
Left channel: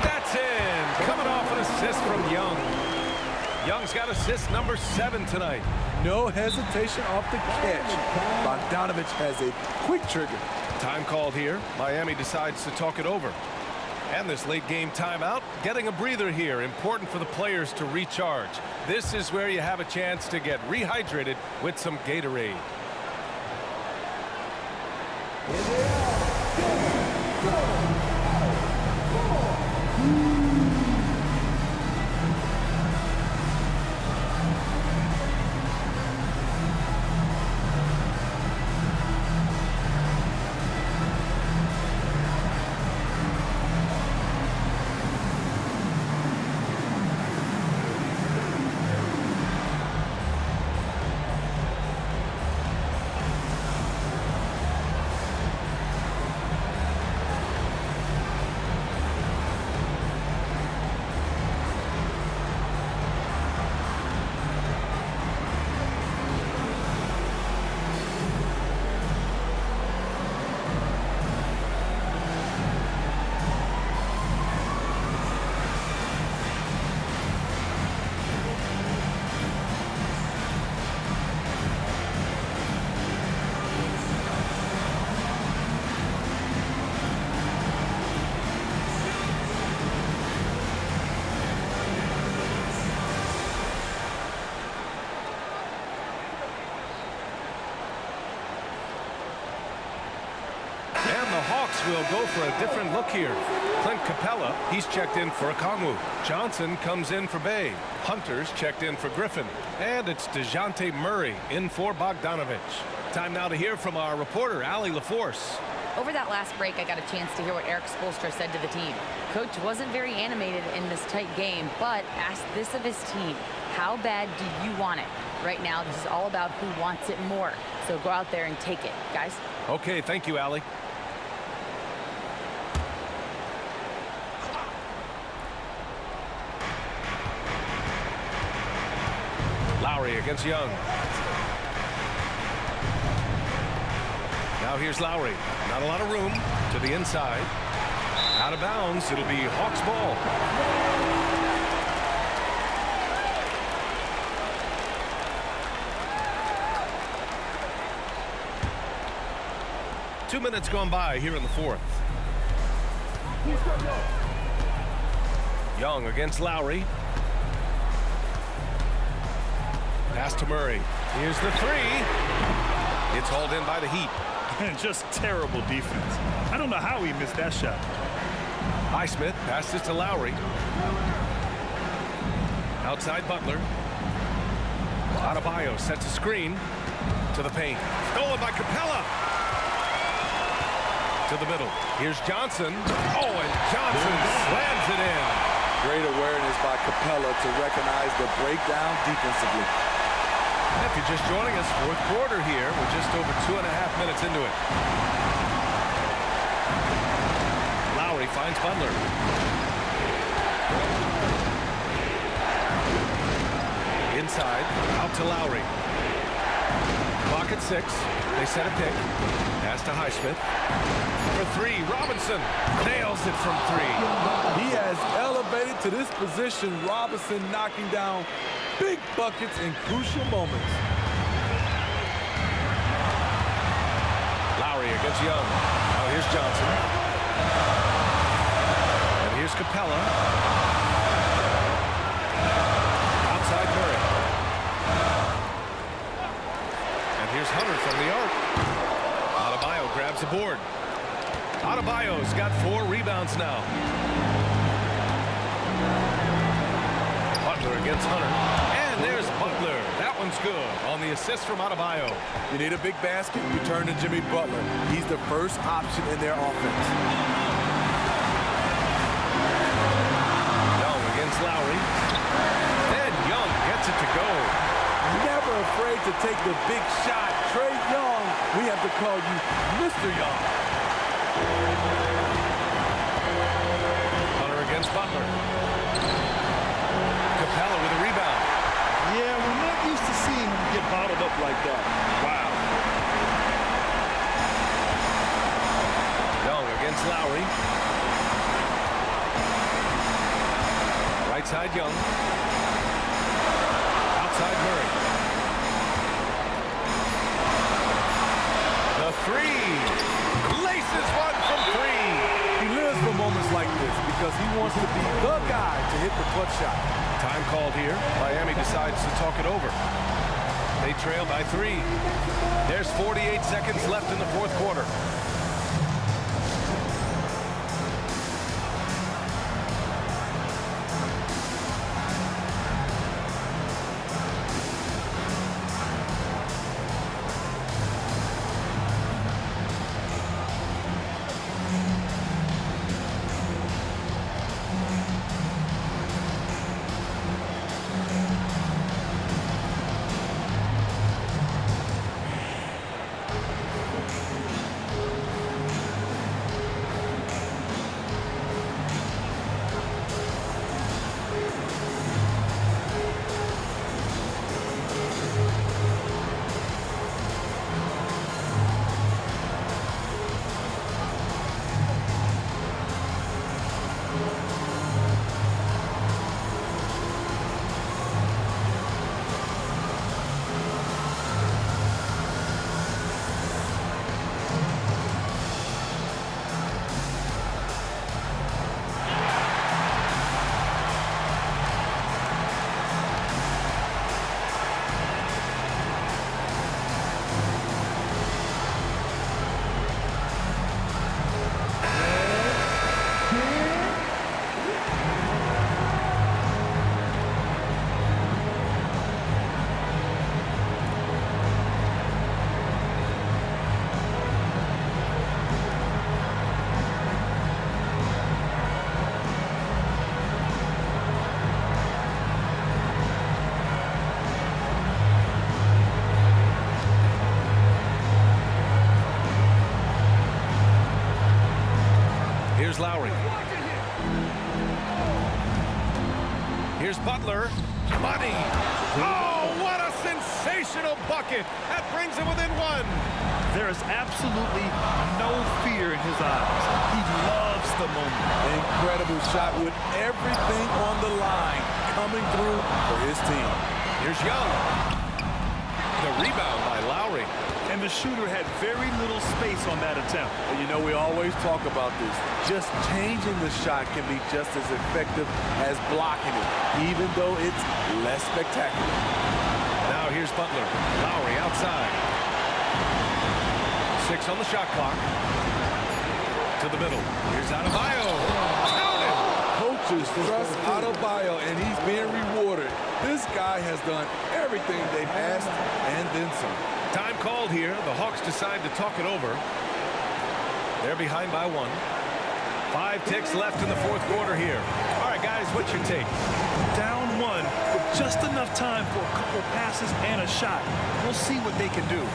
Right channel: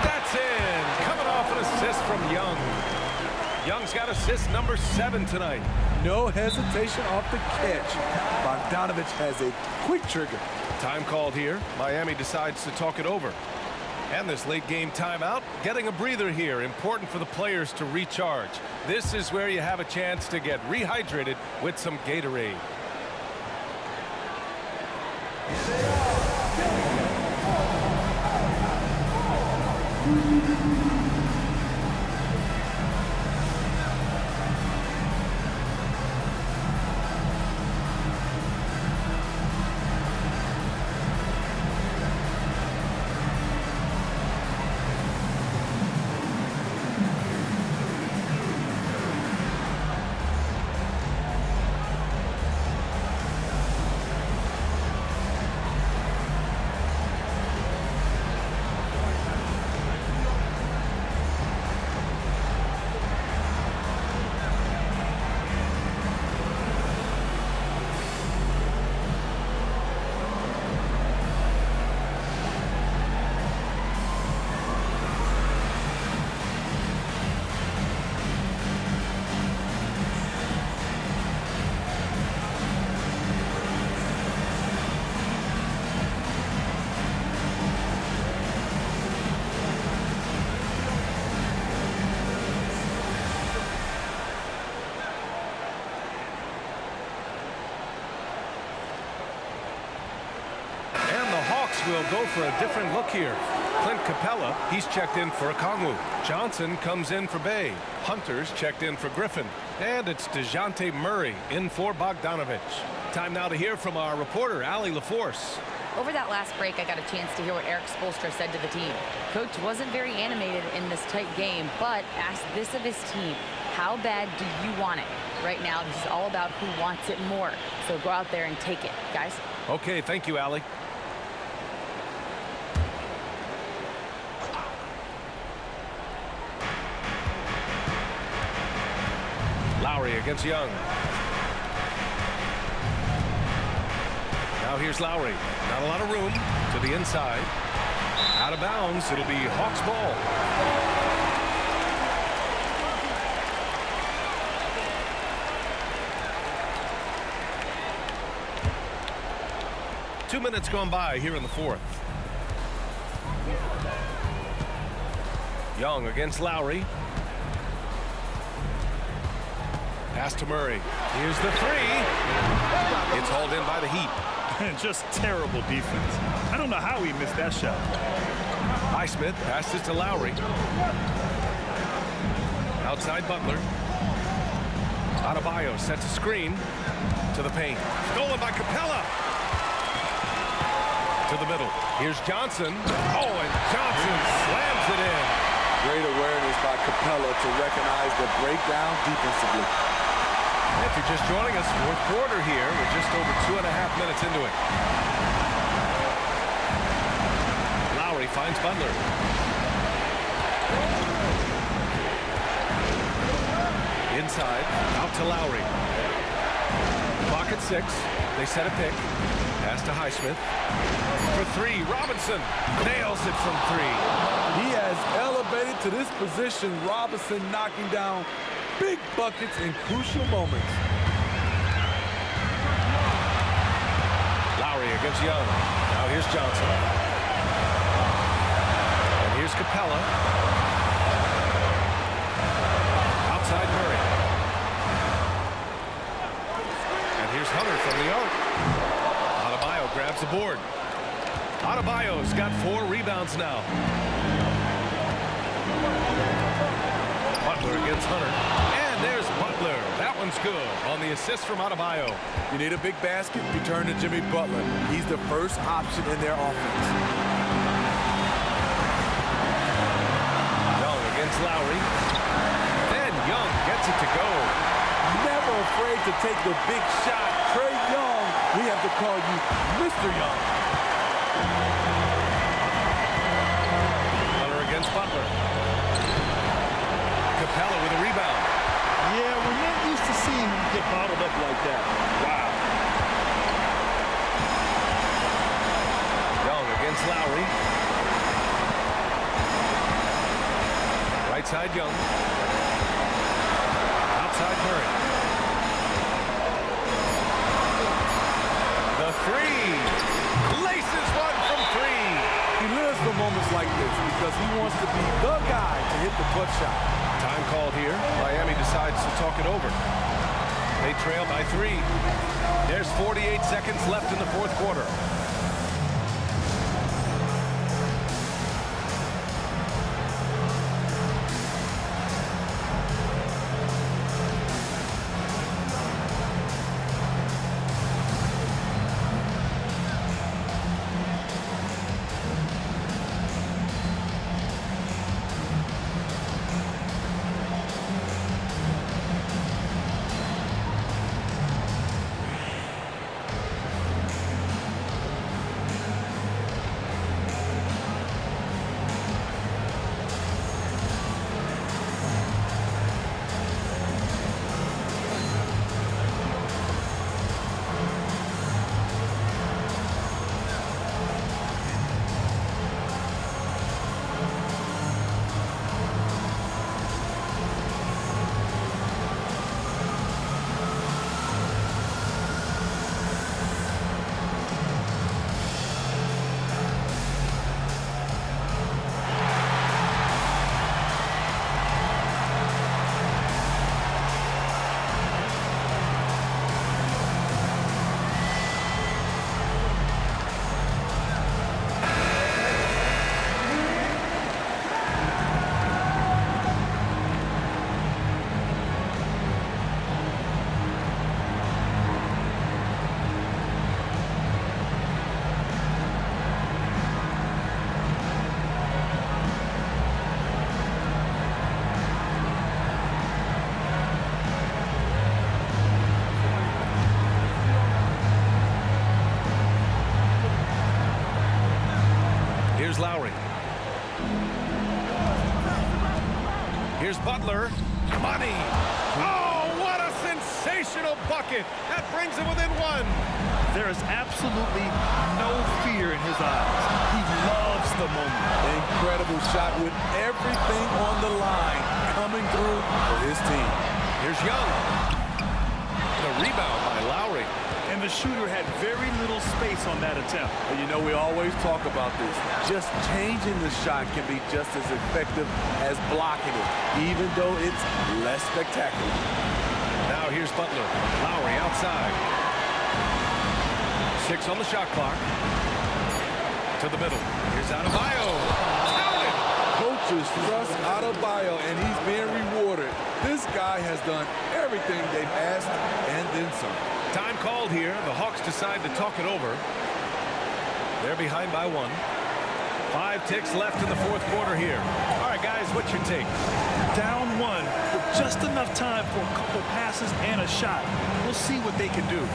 That's in. Coming off an assist from Young. Young's got assist number 7 tonight. No hesitation off the catch. Bogdanovic has a quick trigger. Time called here. Miami decides to talk it over. And this late game timeout, getting a breather here. Important for the players to recharge. This is where you have a chance to get rehydrated with some Gatorade. And the Hawks will go for a different look here. Clint Capella, he's checked in for Okongwu. Johnson comes in for Bay. Hunter's checked in for Griffin. And it's DeJounte Murray in for Bogdanovic. Time now to hear from our reporter, Allie LaForce. Over that last break, I got a chance to hear what Erik Spoelstra said to the team. Coach wasn't very animated in this tight game, but asked this of his team: how bad do you want it? Right now, this is all about who wants it more. So go out there and take it, guys. Okay, thank you, Allie. Lowry against Young. Now here's Lowry. Not a lot of room to the inside. Out of bounds. It'll be Hawks ball. Two minutes gone by here in the fourth. Young against Lowry. Pass to Murray. Here's the three. It's hauled in by the Heat. And just terrible defense. I don't know how he missed that shot. Highsmith passes to Lowry. Outside Butler. Adebayo sets a screen to the paint. Stolen by Capella. To the middle. Here's Johnson. Oh, and Johnson slams it in. Great awareness by Capella to recognize the breakdown defensively. If you're just joining us, fourth quarter here. We're just over 2.5 minutes into it. Lowry finds Butler. Inside, out to Lowry. Clock at 6. They set a pick. Pass to Highsmith. For three, Robinson nails it from 3. He has elevated to this position. Robinson knocking down big buckets in crucial moments. Lowry against Young. Now here's Johnson. And here's Capella. Outside Murray. And here's Hunter from the arc. Adebayo grabs the board. Adebayo's got 4 rebounds now. Butler against Hunter. And there's Butler. That one's good on the assist from Adebayo. You need a big basket, you turn to Jimmy Butler. He's the first option in their offense. Young against Lowry. Then Young gets it to go. Never afraid to take the big shot. Trae Young, we have to call you Mr. Young. Hunter against Butler. Capella with a rebound. Yeah, we're not used to seeing him get bottled up like that. Wow. Young against Lowry. Right side Young. Outside Murray. The three. Laces one from 3. He lives for moments like this because he wants to be the guy to hit the clutch shot. Time called here. Miami decides to talk it over. They trail by 3. There's 48 seconds left in the fourth quarter. Here's Lowry. Here's Butler. Money. Oh, what a sensational bucket. That brings him within one. There is absolutely no fear in his eyes. He loves the moment. Incredible shot with everything on the line coming through for his team. Here's Young. The rebound by Lowry. And the shooter had very little space on that attempt. And you know, we always talk about this. Just changing the shot can be just as effective as blocking it, even though it's less spectacular. Now here's Butler. Lowry outside. 6 on the shot clock. To the middle. Here's Adebayo. Count it! Coaches trust Adebayo, and he's being rewarded. This guy has done everything they've asked and then some. Time called here. The Hawks decide to talk it over. They're behind by 1. 5 ticks left in the fourth quarter here. All right, guys, what's your take? Down 1 with just enough time for a couple passes and a shot. We'll see what they can do.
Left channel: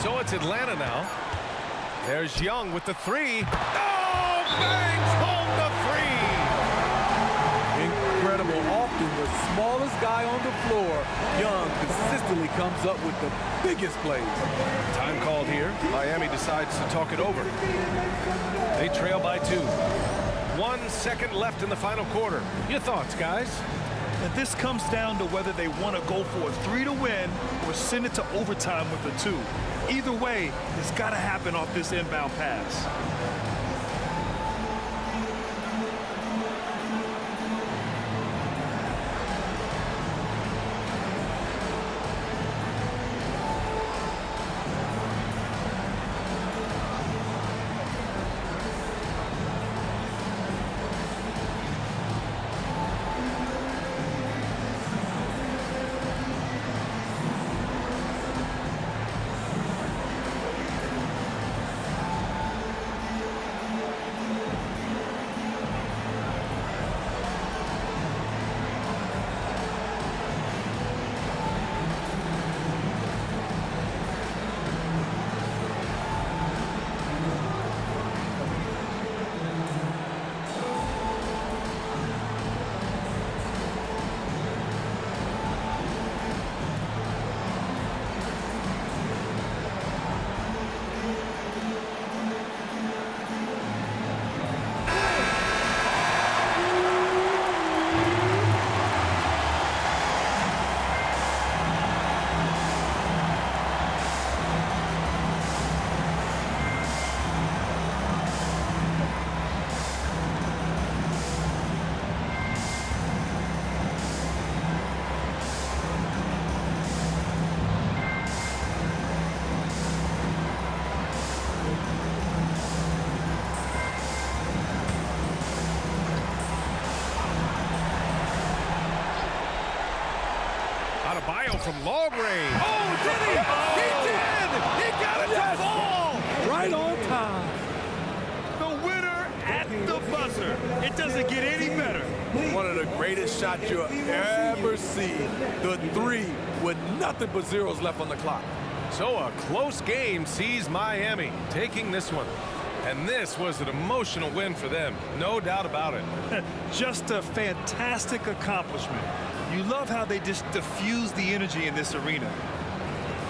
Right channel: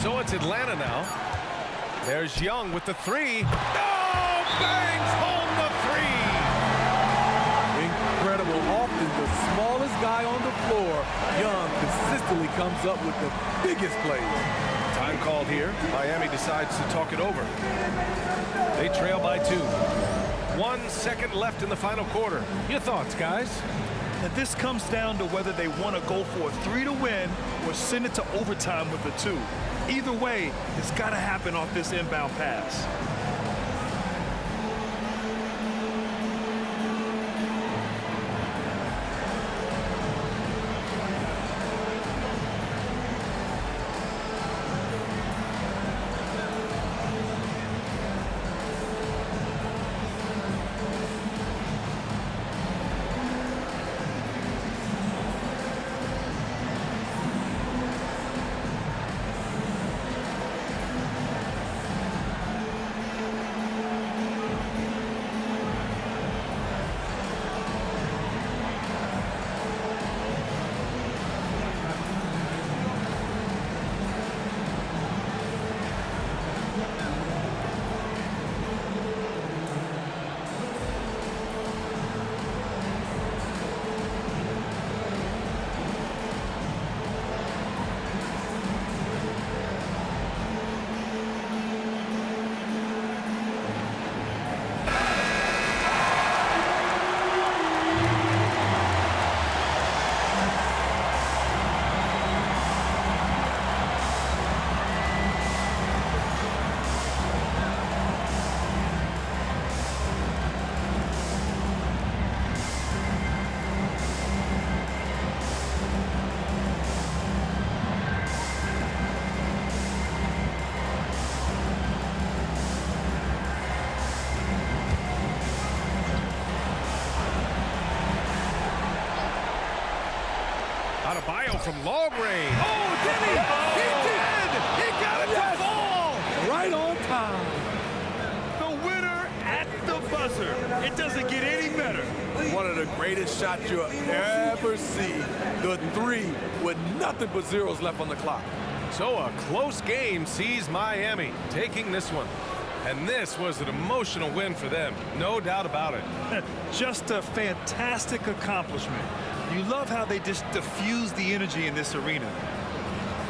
So it's Atlanta now. There's Young with the 3. Oh, bangs home the 3. Incredible. Often the smallest guy on the floor, Young consistently comes up with the biggest plays. Time called here. Miami decides to talk it over. They trail by 2. 1 second left in the final quarter. Your thoughts, guys? And this comes down to whether they want to go for a 3 to win or send it to overtime with a 2. Either way, it's got to happen off this inbound pass. Adebayo from long range. Oh, did he? He did! He got it to fall! Right on time. The winner at the buzzer. It doesn't get any better. One of the greatest shots you'll ever see. The three with nothing but zeros left on the clock. So a close game sees Miami taking this one. And this was an emotional win for them, no doubt about it. Just a fantastic accomplishment. You love how they just diffuse the energy in this arena.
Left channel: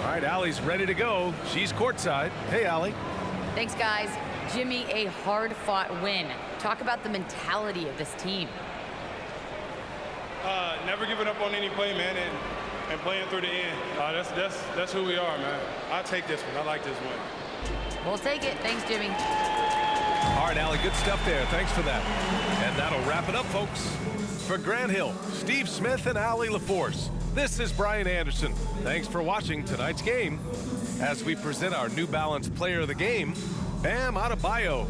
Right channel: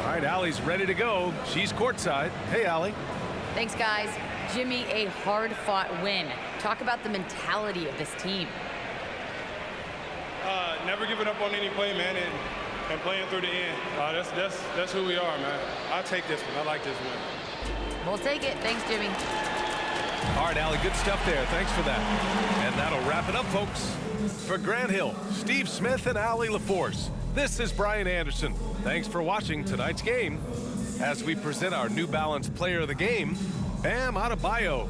All right, Allie's ready to go. She's courtside. Hey, Allie. Thanks, guys. Jimmy, a hard-fought win. Talk about the mentality of this team. Never giving up on any play, man, and playing through the end. That's who we are, man. I take this one. I like this win. We'll take it. Thanks, Jimmy. All right, Allie, good stuff there. Thanks for that. And that'll wrap it up, folks. For Grant Hill, Steve Smith, and Allie LaForce, this is Brian Anderson. Thanks for watching tonight's game as we present our New Balance Player of the Game, Bam Adebayo.